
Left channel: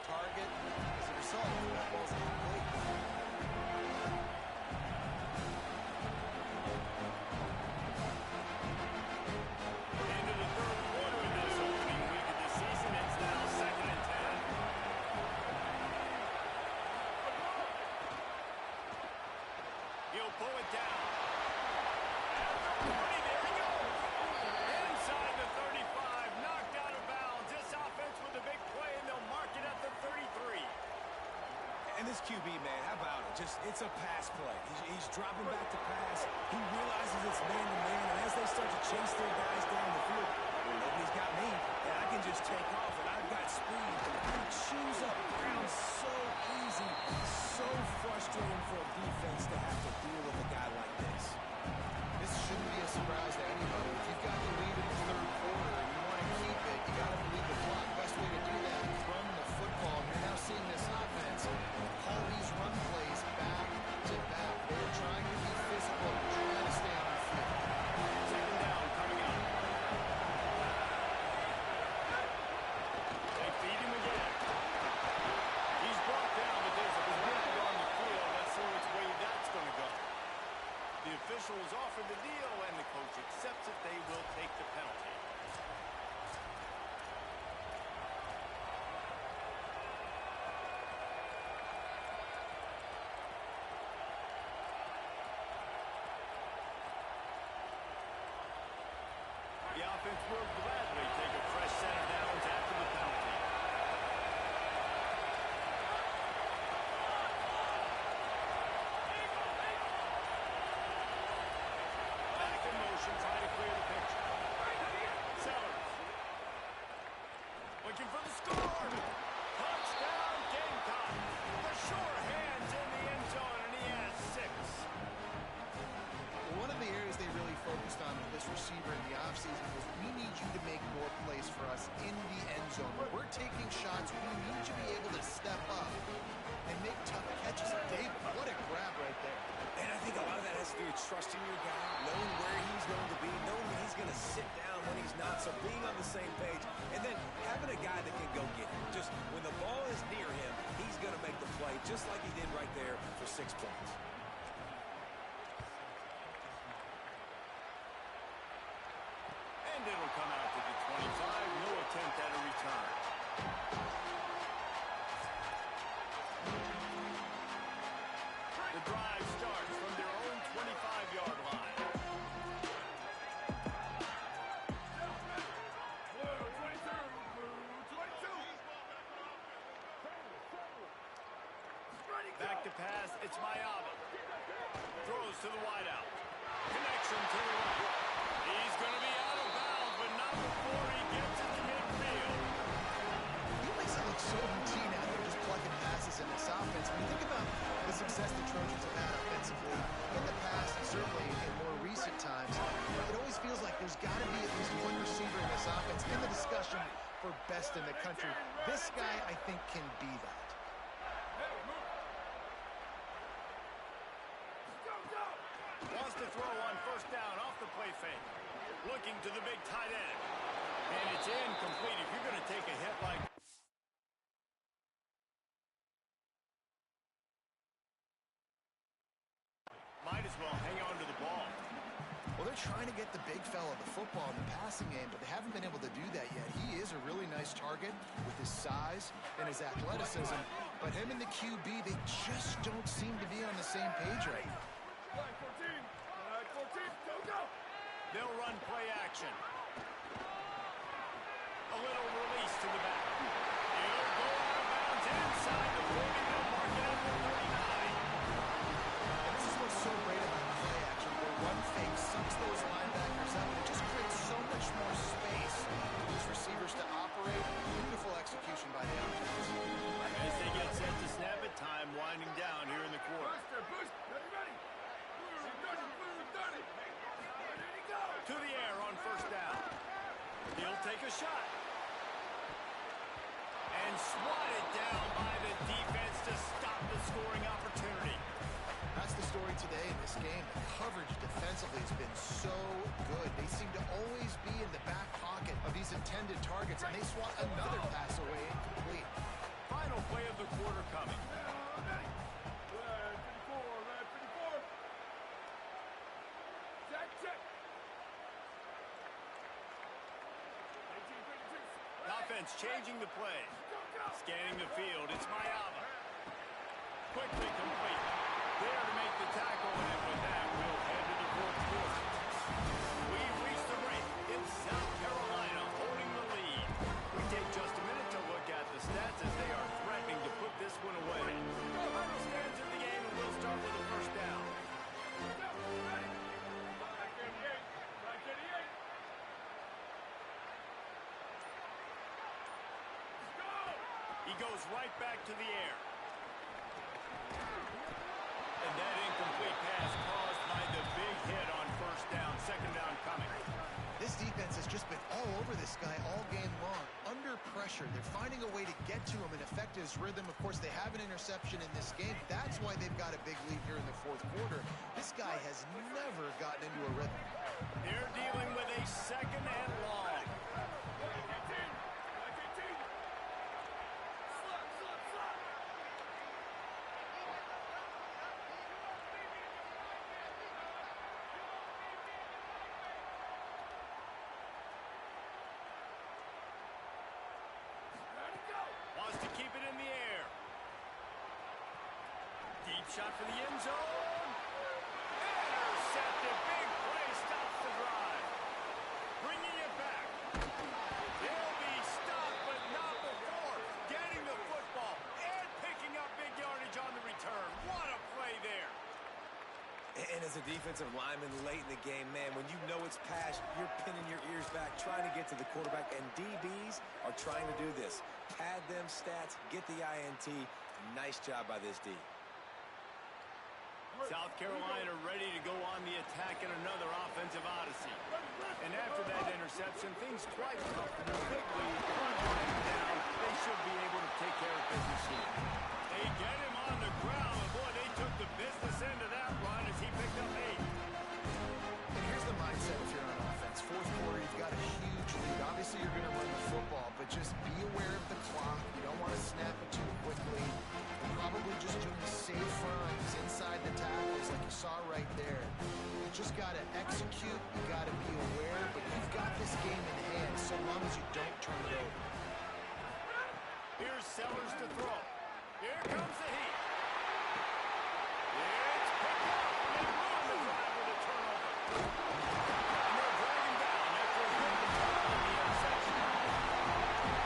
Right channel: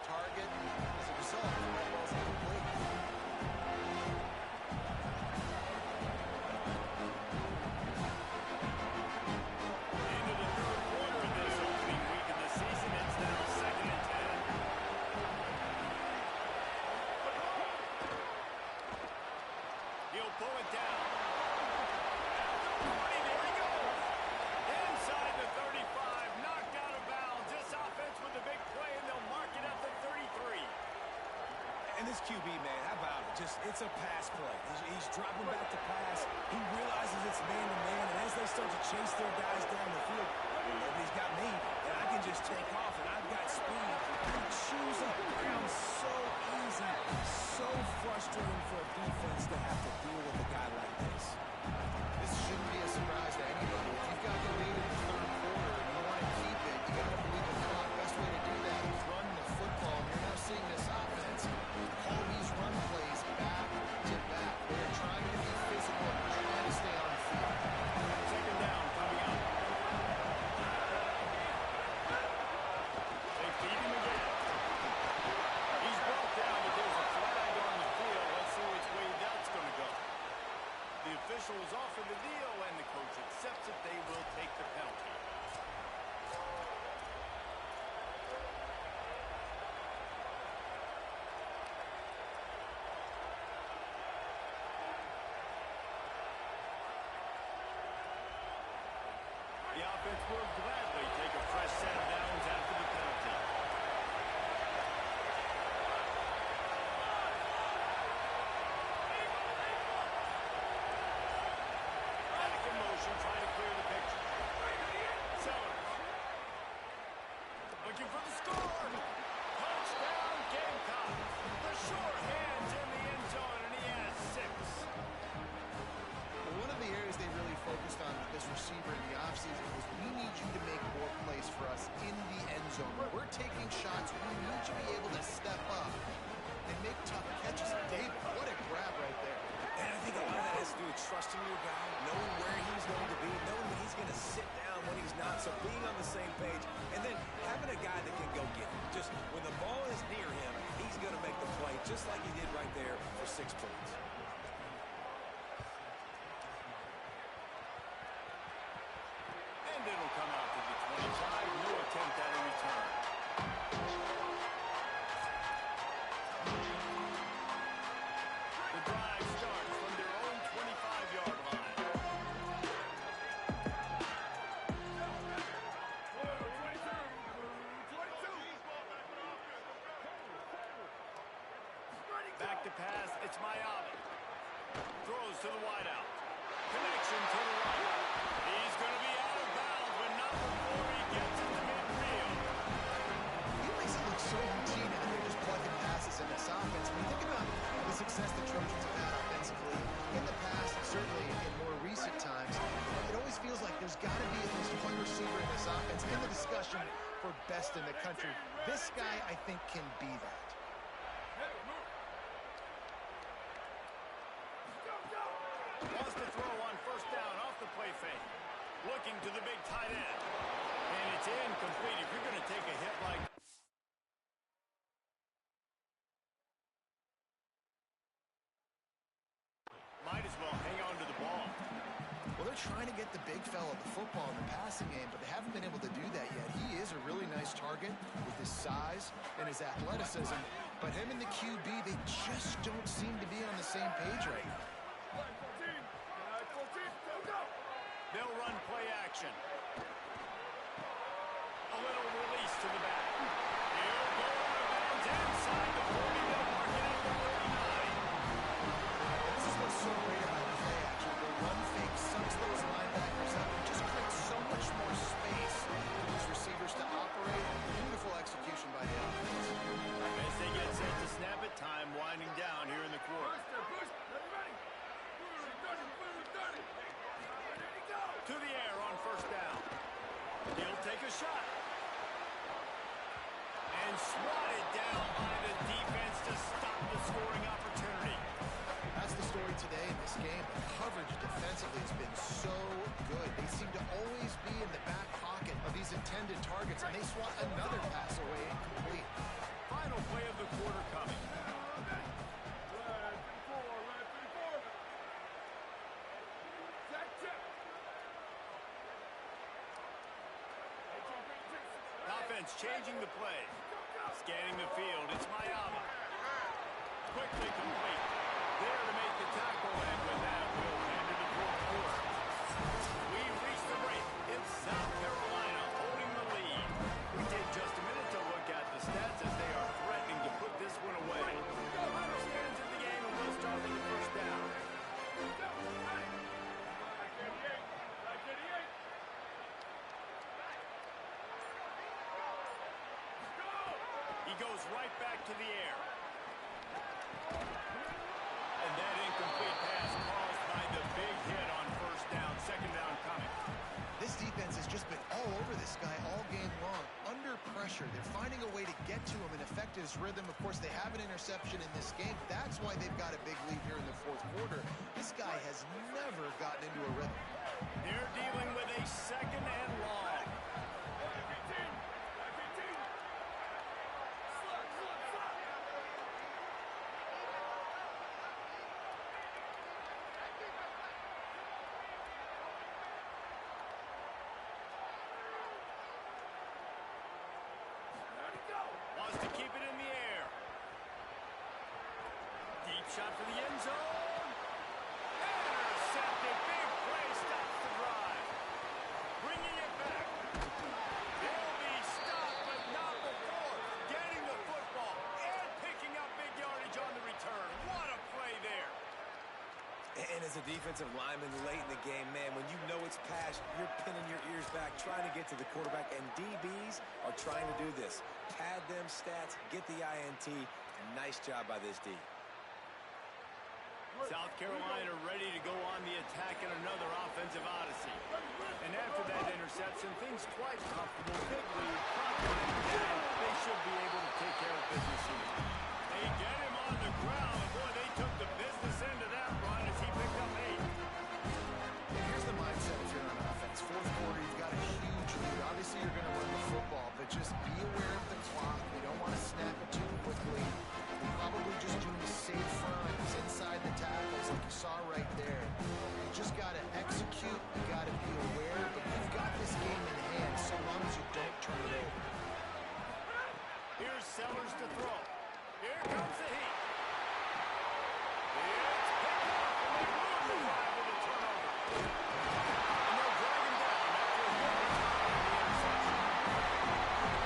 Target, as a result, that ball's incomplete. Into the third quarter of this opening week of the season, it's now 2nd and 10. They'll pull it down. At the 40, there he goes. Inside the 35, knocked out of bounds. This offense with a big play, and they'll mark it at the 33. And this QB, man, how about it? It's a pass play. He's dropping back to pass. He realizes it's man-to-man, and as they start to chase their guys down the field, well, nobody's got me, and I can just take off, and I've got speed. He chews up ground so easy, so frustrating for a defense to have to deal with a guy like this. This shouldn't be a surprise to anybody. If you've got the lead in the third quarter and you want to keep it, you got to believe the clock. Best way to do that is run the football. And you're now seeing this offense call these run plays back to back. They're trying to be physical and trying to stay on the field. Second down coming up. They feed him again. He's brought down, but there's a flag on the field. Let's see which way that's going to go. The officials offer the deal, and the coach accepts it. They will take the penalty. The offense will gladly take a fresh set of downs after the penalty. Back in motion, trying to clear the picture. Sellers. Looking for the score. Touchdown, Gamecocks. The sure hands in the end zone, and he has 6. Well, one of the areas they really focused on with this receiver in the offseason was we need you to make more plays for us in the end zone. When we're taking shots, we need you to be able to step up and make tough catches. David, what a grab right there. And I think a lot of that has to do with trusting your guy, knowing where he's going to be, knowing when he's going to sit down, when he's not, so being on the same page, and then having a guy that can go get it. Just when the ball is near him, he's going to make the play, just like he did right there for 6 points. And it'll come out to the 25. No attempt at a return. The drive starts from their own 25-yard line. Back to pass, it's Mayava. Throws to the wideout. Connection to the right. He's going to be out of bounds, but not before he gets it to midfield. He makes it look so routine out there, just plugging passes in this offense. When you think about the success the Trojans have had offensively in the past, and certainly in more recent times, it always feels like there's got to be at least one receiver in this offense in the discussion for best in the country. This guy, I think, can be that. Wants to throw on first down off the play fake. Looking to the big tight end. And it's incomplete. If you're going to take a hit like... Might as well hang on to the ball. Well, they're trying to get the big fella the football in the passing game, but they haven't been able to do that yet. He is a really nice target with his size and his athleticism, but him and the QB, they just don't seem to be on the same page right now. Flag 14, go! They'll run play action. A little release to the back. He'll go out of bounds inside the 40. They'll mark it at the 39. And this is what's so great about play action. The run fake sucks those linebackers up, and it just creates so much more space for these receivers to operate. Beautiful execution by the offense. As they get set to snap it, time winding down here in the quarter. Push, ready. To the air on first down. He'll take a shot. And swatted down by the defense to stop the scoring opportunity. That's the story today in this game. The coverage defensively has been so good. They seem to always be in the back pocket of these intended targets, and they swat another pass away incomplete. Final play of the quarter coming. Red 54. Jack check. Offense changing the play. Scanning the field, it's Mayava. Quickly complete. there to make the tackle, and with that, we'll head to the fourth quarter. We reach the break. It's South Carolina holding the lead. We take just a minute to look at the stats as they are threatening to put this one away. Final stands in the game, and we'll start with the first down. He goes right back to the air. And that incomplete pass caused by the big hit on first down. Second down coming. This defense has just been all over this guy all game long. Under pressure, they're finding a way to get to him and affect his rhythm. Of course, they have an interception in this game. That's why they've got a big lead here in the fourth quarter. This guy has never gotten into a rhythm. They're dealing with a second and long. Wants to keep it in the air. Deep shot for the end zone. Intercepted. Big play stops the drive. Bringing it back. They'll be stopped, but not before getting the football and picking up big yardage on the return. What a play there. And as a defensive lineman late in the game, man, when you know it's passed, you're pinning your ears back, trying to get to the quarterback. And DBs are trying to do this. Pad them stats, get the INT. Nice job by this D. South Carolina ready to go on the attack in another offensive odyssey. And after that interception, things quite comfortable. Big lead, clock winding down. They should be able to take care of business here. They get him on the ground. And boy, they took the business end of that run as he picked up 8. And here's the mindset if you're on offense. Fourth quarter, you've got a huge lead. Obviously, you're going to run the football, but just be aware of the clock. You don't want to snap it too quickly. You're probably just doing safe runs inside the tackles like you saw right there. You just got to execute. You got to be aware, but you've got this game in hand so long as you don't turn it over. Here's Sellers to throw. Here comes the heat. It's picked up, and they ruin the drive with a turnover. And they'll drag him down after a good return on the interception.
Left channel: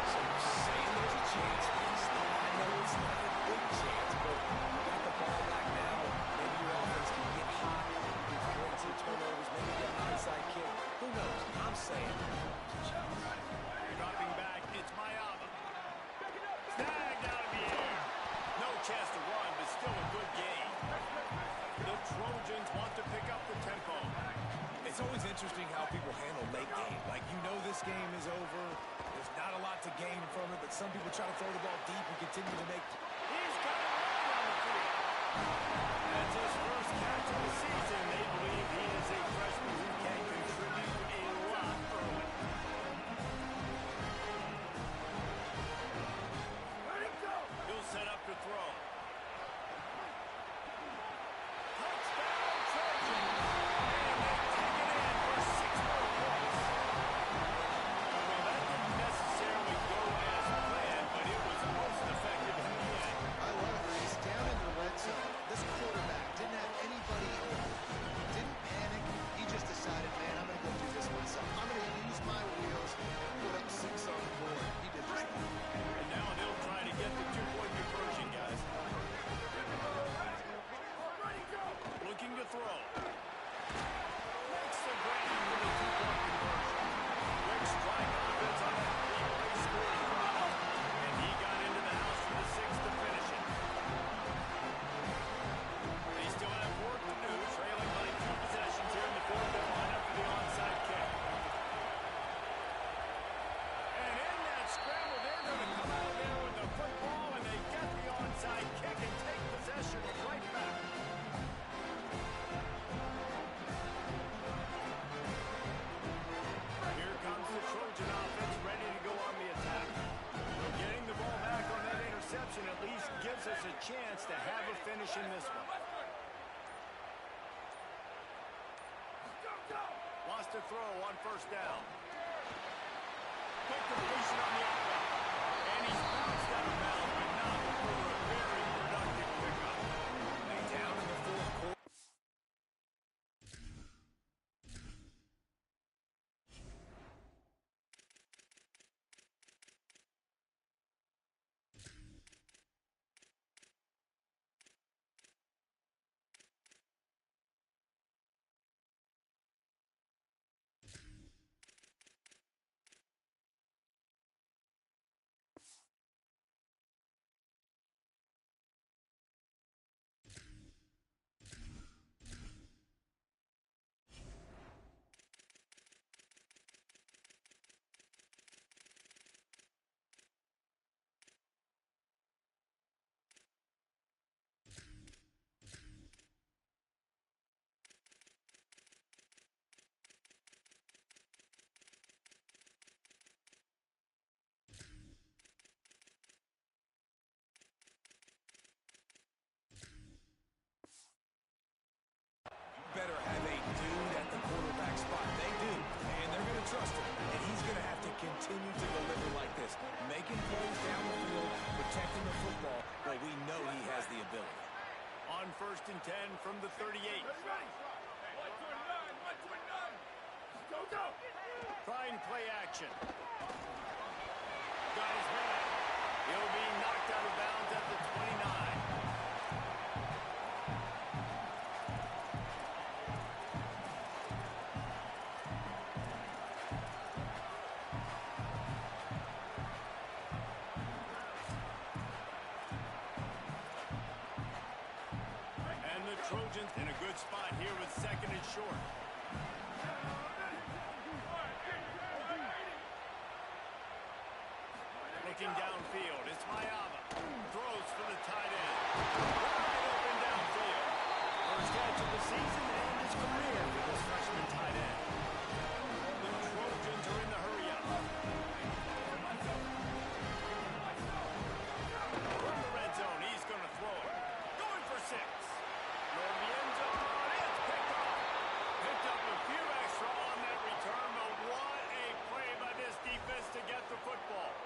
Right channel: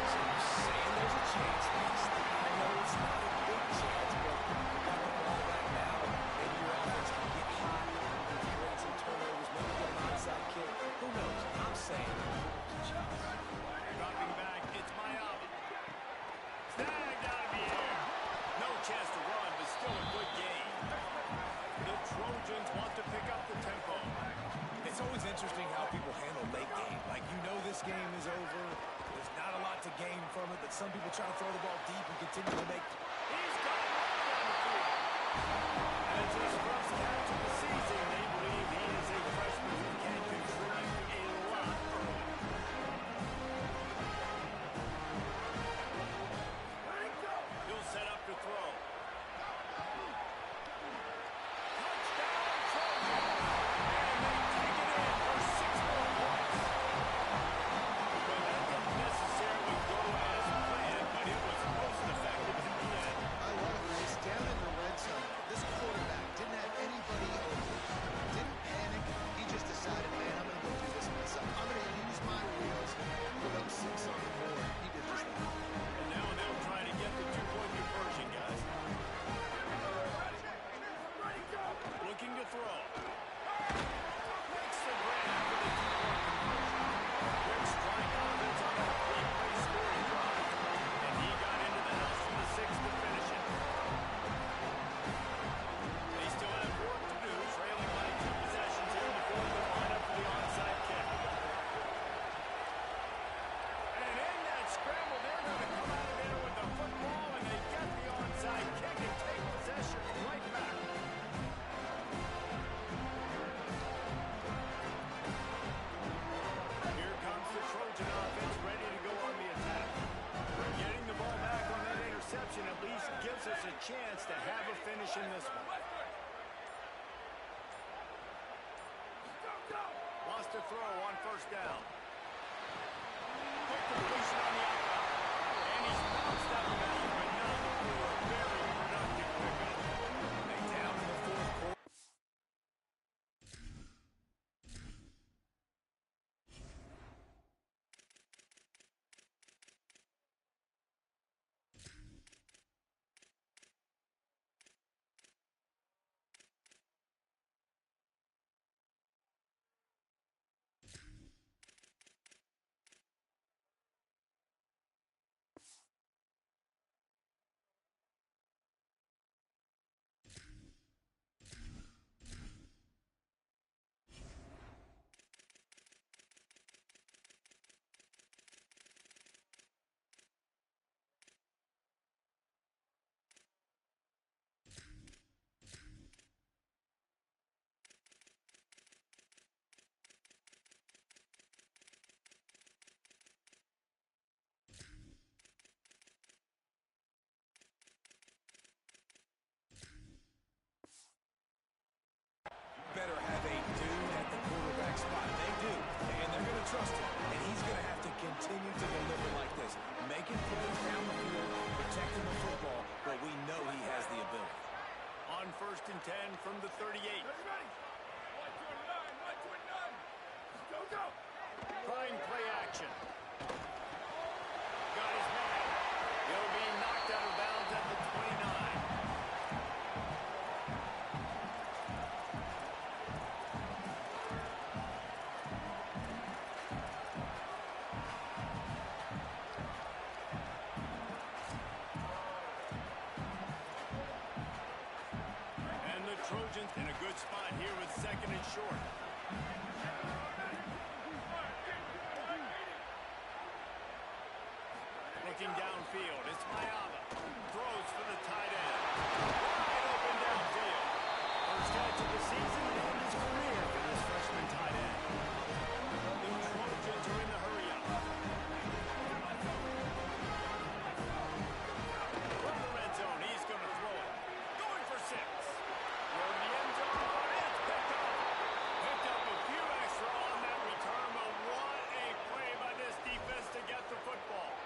So you're saying there's a chance. I know it's not a big chance, but you got the ball back now. Maybe your offense can get hot, create some turnovers, maybe get an onside kick. Who knows? I'm saying there's a chance. Dropping back, it's Mayaba. Snagged out of the air. No chance to run, but still a good gain. The Trojans want to pick up the tempo. It's always interesting how people handle late game. Like, you know this game is over. There's not a lot to gain from it, but some people try to throw the ball deep and continue to make... He's got it right down the field. That's his first catch of the season. They believe he is a freshman who can contribute a lot early. He'll set up to throw. Touchdown, Trojans! And they take it in for 6 more points. Well, that didn't necessarily go as planned, but it was most effective in the end. I love it, Reese. Down in the red zone, this quarterback didn't have anybody open. Didn't panic. He just decided, man, I'm going to go do this myself. I'm going to use my wheels and put up 6 on the board. He did just that. And now they'll try to get the 2-point conversion, guys. Looking to throw. Makes the grab for the 2-point conversion. Quick strike offense on that 3-play scoring drive. And he got into the house from the 6 to finish it. They still have work to do, trailing by 2 possessions here in the fourth. They'll line up for the onside kick. And in that scramble, they're going to come out of there with the football, and they get the onside kick and take possession right back. Here comes the Trojan offense ready to go on the attack. Well, getting the ball back on that interception at least gives us a chance to have a finish in this one. Lost a throw on first down. Quick completion on the out route. And he's bounced out of bounds, but not before a very productive pickup. They down in the trust him, and he's going to have to continue to deliver like this, making plays down the field, protecting the football, but we know he has the ability. On 1st and 10 from the 38. Ready, ready. 129, 129. Go, go. Trying play action. Got his man. He'll be knocked out of bounds at the 29. And the Trojans in a good spot here with 2nd and short. Looking downfield, it's Mayava. Throws for the tight end. Wide open downfield. First catch of the season and his career for this freshman tight end. The Trojans are in the hurry-up. From the red zone, he's going to throw it. Going for 6. Throw to the end zone. It's picked off. Picked up a few extra on that return, but what a play by this defense to get the football.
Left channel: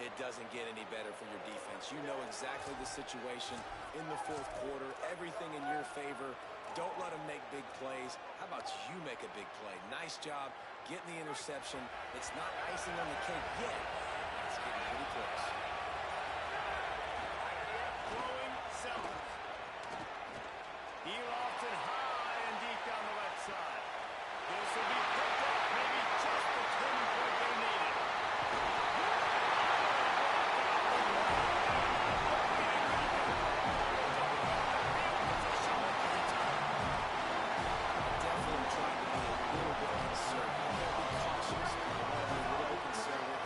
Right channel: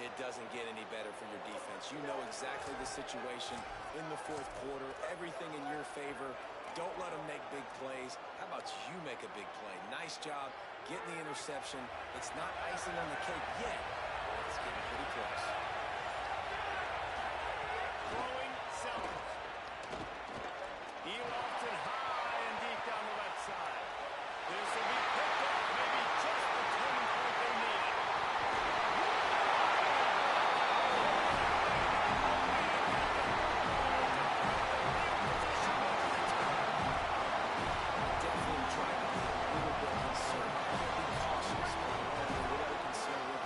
It doesn't get any better for your defense. You know exactly the situation in the 4th quarter. Everything in your favor. Don't let them make big plays. How about you make a big play? Nice job getting the interception. It's not icing on the cake yet, but it's getting pretty close. Throwing Sellers. He lofts it high and deep down the left side. This will be picked off. Maybe just the turning point they needed. Trying to be a little bit conservative. I can't be cautious, but I want to be a little bit conservative.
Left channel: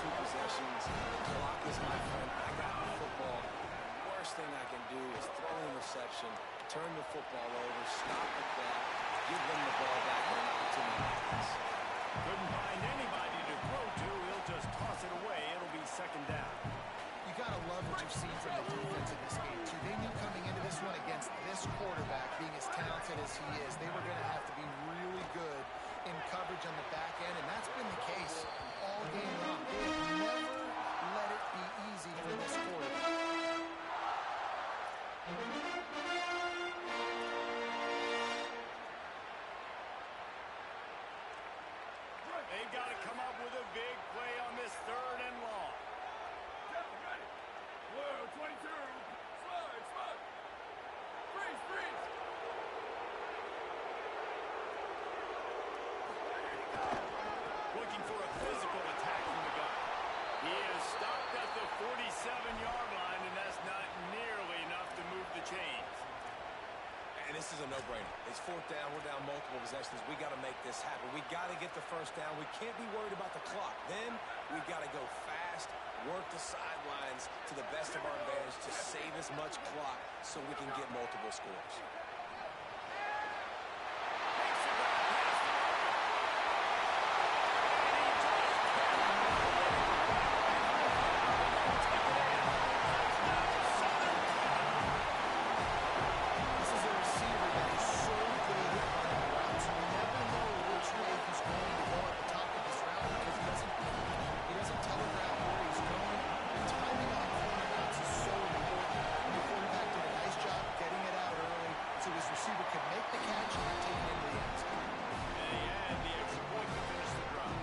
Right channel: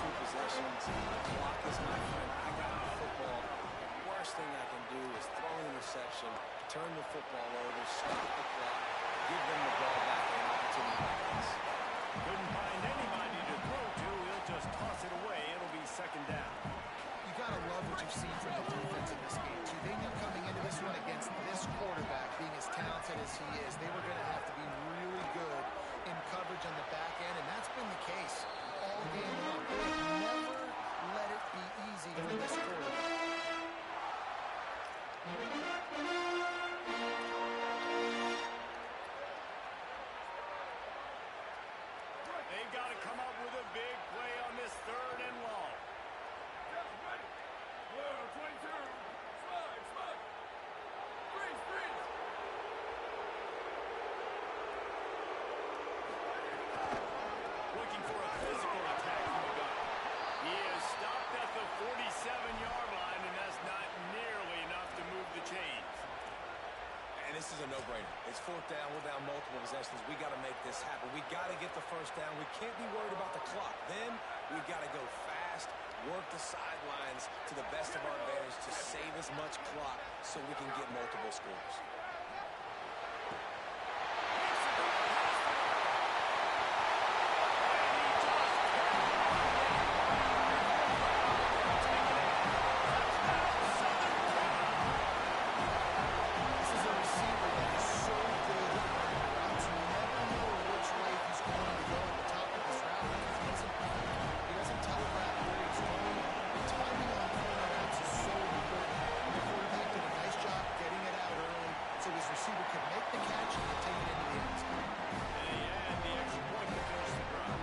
2 possessions. The clock is my friend. I got the football. The worst thing I can do is throw an interception, turn the football over, stop the clock, give them the ball back in an opportunity like this. Couldn't find anybody to throw to. He'll just toss it away. It'll be 2nd down. You got to love what you've seen from the defense in this game, too. They knew coming into this one against this quarterback, being as talented as he is, they were going to have to be really good in coverage on the back end, and that's been the case all game long. They have never let it be easy for this quarterback. They've got to come up with a big play on this 3rd and long. Ready. Whoa, 22. Slide, slide. Freeze, freeze. Looking for a physical attack from the gun. He is stopped at the 47-yard line, and that's not nearly enough to move the chains. And this is a no-brainer. It's 4th down. We're down multiple possessions. We got to make this happen. We got to get the 1st down. We can't be worried about the clock. Then we got to go fast, work the sidelines to the best of our advantage to save as much clock so we can get multiple scores. Makes the grab past the marker. And he just kept running it right take it in. Touchdown, Southern Cal. This is a receiver that is so good at running routes. You never know which way he's going to go at the top of his route because he doesn't telegraph where he's going. The timing on corner routes is so important. The quarterback did a nice job getting it out early so his receiver could make the catch and then take it into the end zone. And he had the extra point to finish the drive.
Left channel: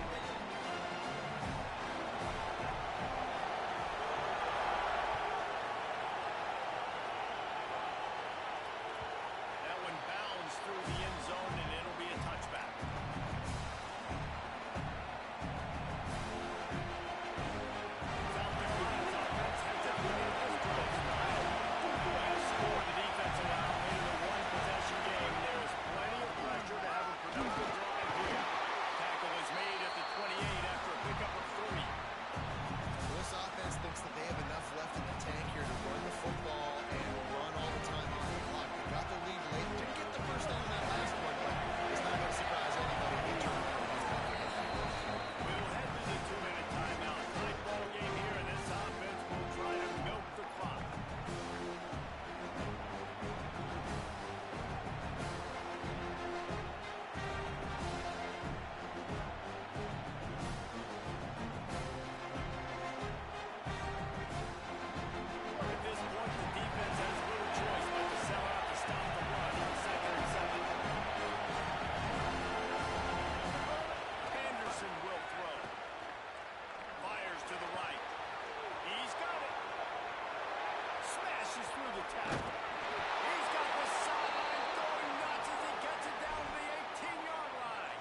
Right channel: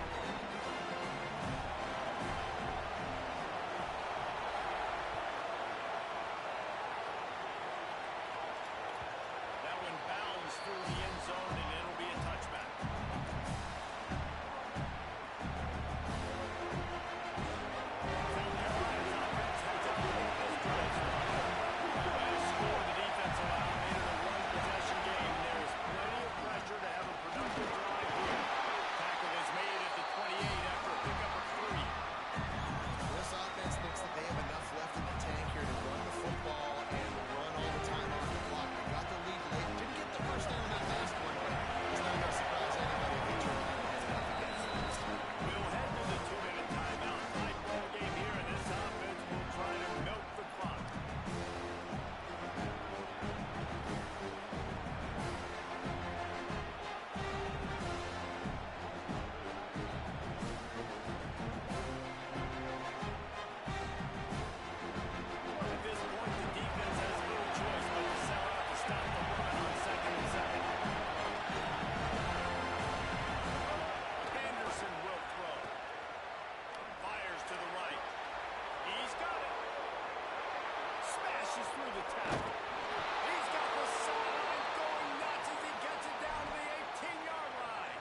That one bounds through the end zone, and it'll be a touchback. South Carolina's offense heads out to get this drive started. Last score the defense allowed made it a 1-possession game. There is plenty of pressure to have a productive drive here. Tackle is made at the pushes through the tackle. He's got the sideline going nuts as he gets it down to the 18-yard line.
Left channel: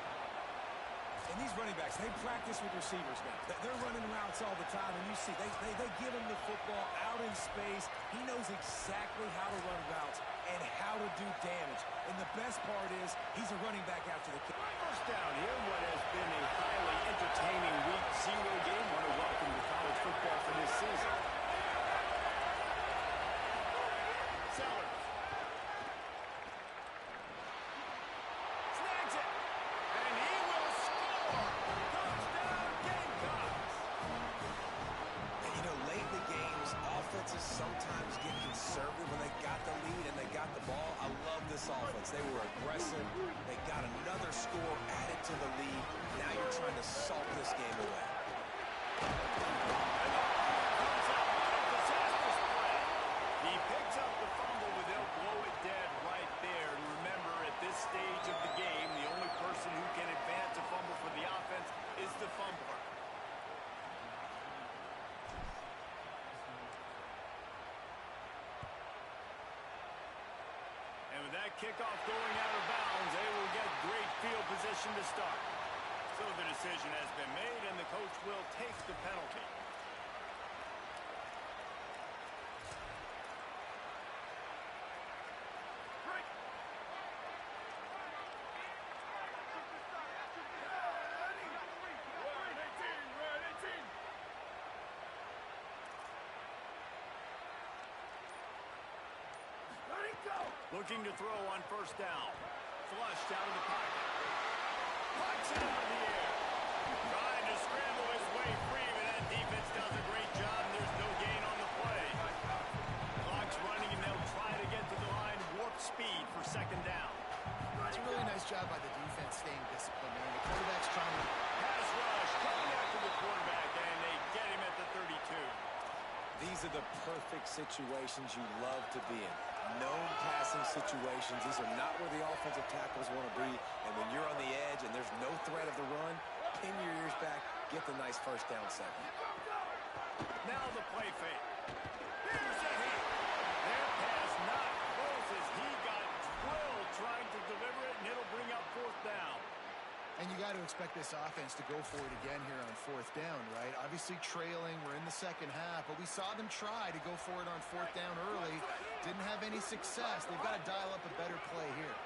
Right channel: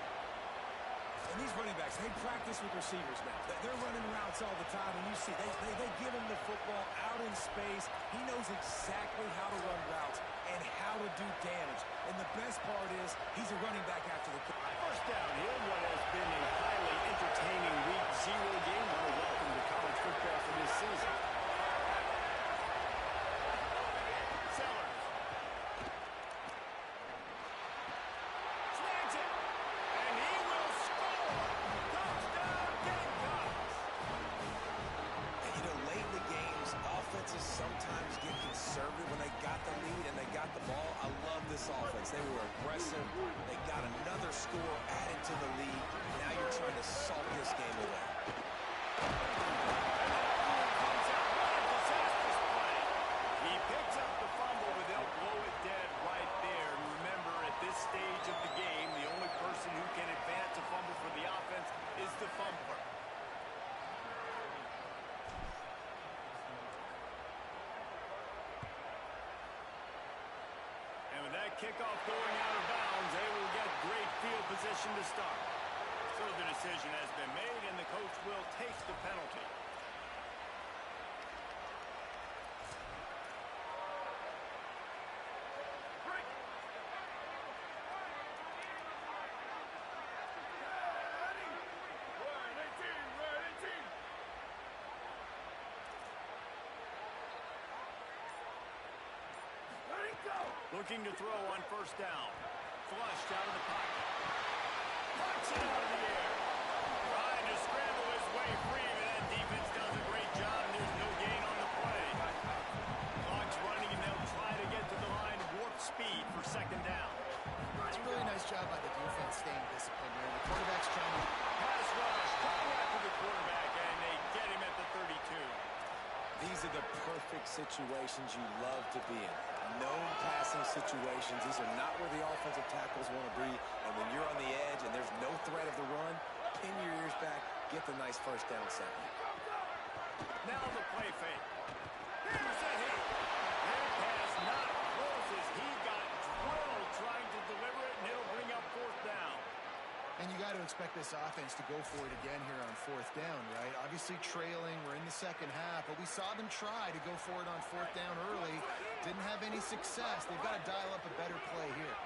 And these running backs, they practice with receivers now. They're running routes all the time, and you see, they give him the football out in space. He knows exactly how to run routes and how to do damage. And the best part is, he's a running back after the kick. First down here, what has been a highly entertaining Week 0 game. Want to welcome to college football for this season. Sellers. Snags it. And he will score. Touchdown, Gamecocks. And you know, late in the games, offenses sometimes get conservative when they got the lead and they got the ball. I love this offense. They were aggressive. They got another score added to the lead. Now you're trying to salt this game away. And the fumble comes out. What a disastrous play. He picks up the fumble, but they'll blow it dead right there. And remember, at this stage of the game, the only person who can advance a fumble for the offense is the fumbler. And with that kickoff going out of bounds, they will get great field position to start. So the decision has been made, and the coach will take the penalty. Break. We're at 18. We're at 18. Let it go. Looking to throw on first down. Flushed out of the pocket. Punch it out of the air. Trying to scramble his way free, but that defense does a great job, and there's no gain on the play. Clock's running, and they'll try to get to the line warp speed for second down. It's a really nice job by the defense staying disciplined there. The quarterback's trying to... Pass rush, coming after the quarterback, and they get him at the 32. These are the perfect situations you love to be in. Known passing situations. These are not where the offensive tackles want to be. And when you're on the edge and there's no threat of the run, pin your ears back, get the nice first down second. Now the play fake. Here's a hit. Their pass not close as he got drilled trying to deliver it, and it'll bring up fourth down. And you got to expect this offense to go for it again here on fourth down, right? Obviously trailing, we're in the second half, but we saw them try to go for it on fourth down early. Didn't have any success. They've got to dial up a better play here.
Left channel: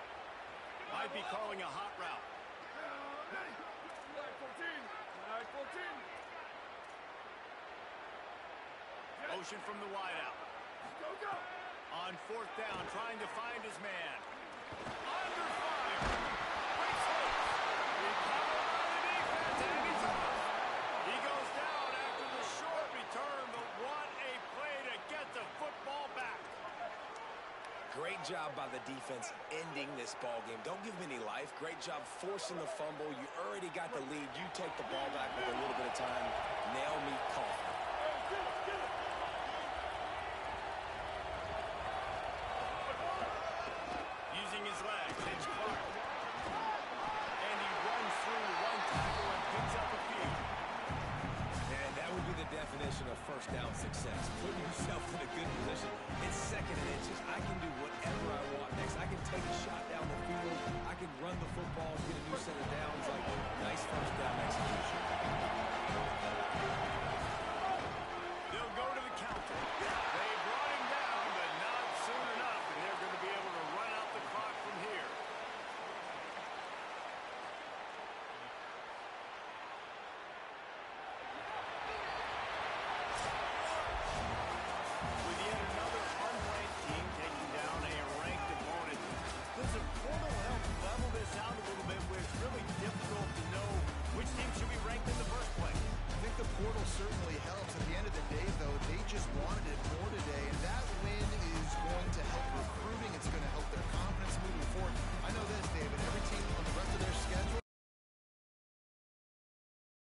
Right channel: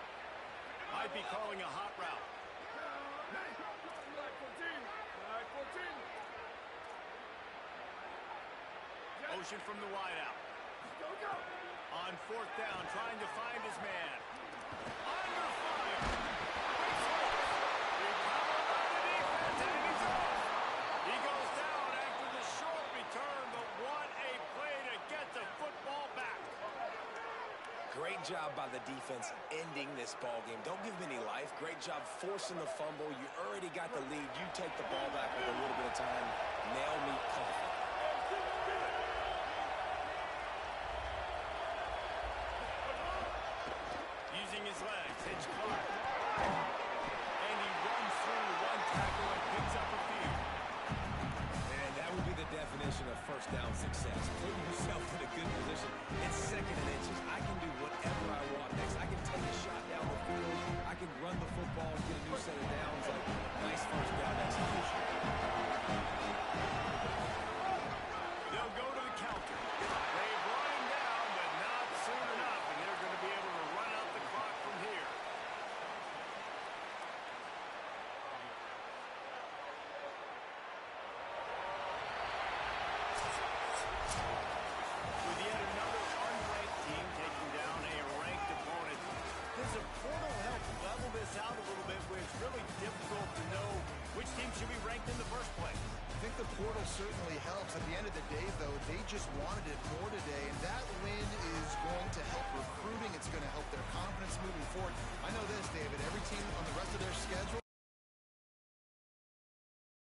Might be calling a hot route. Flag 14. Flag 14. Motion from the wideout. Go, go. On fourth down, trying to find his man. Under fire. Breaks holes. Recovered by the defense, and he's off. He goes down after the short return, but what a play to get the football back. Great job by the defense ending this ball game. Don't give them any life. Great job forcing the fumble. You already got the lead. You take the ball back with a little bit of time. Nail me coffin. Using his legs, Hitch Clark. And he runs through one tackle and picks up a few. And that would be the definition of first down success. Putting yourself in a good position. It's second and inches. I can do whatever I want next. I can take a shot down the field. I can run the football and get a new set of downs. Like, nice first down execution. They'll go to the counter. They brought him down, but not soon enough, and they're going to be able to run out the clock from here. With yet another unranked team taking down a ranked opponent, does a portal help level this out a little bit where it's really difficult to know which team should be ranked in the first place? I think the portal certainly helps. At the end of the day, though, they just wanted it more to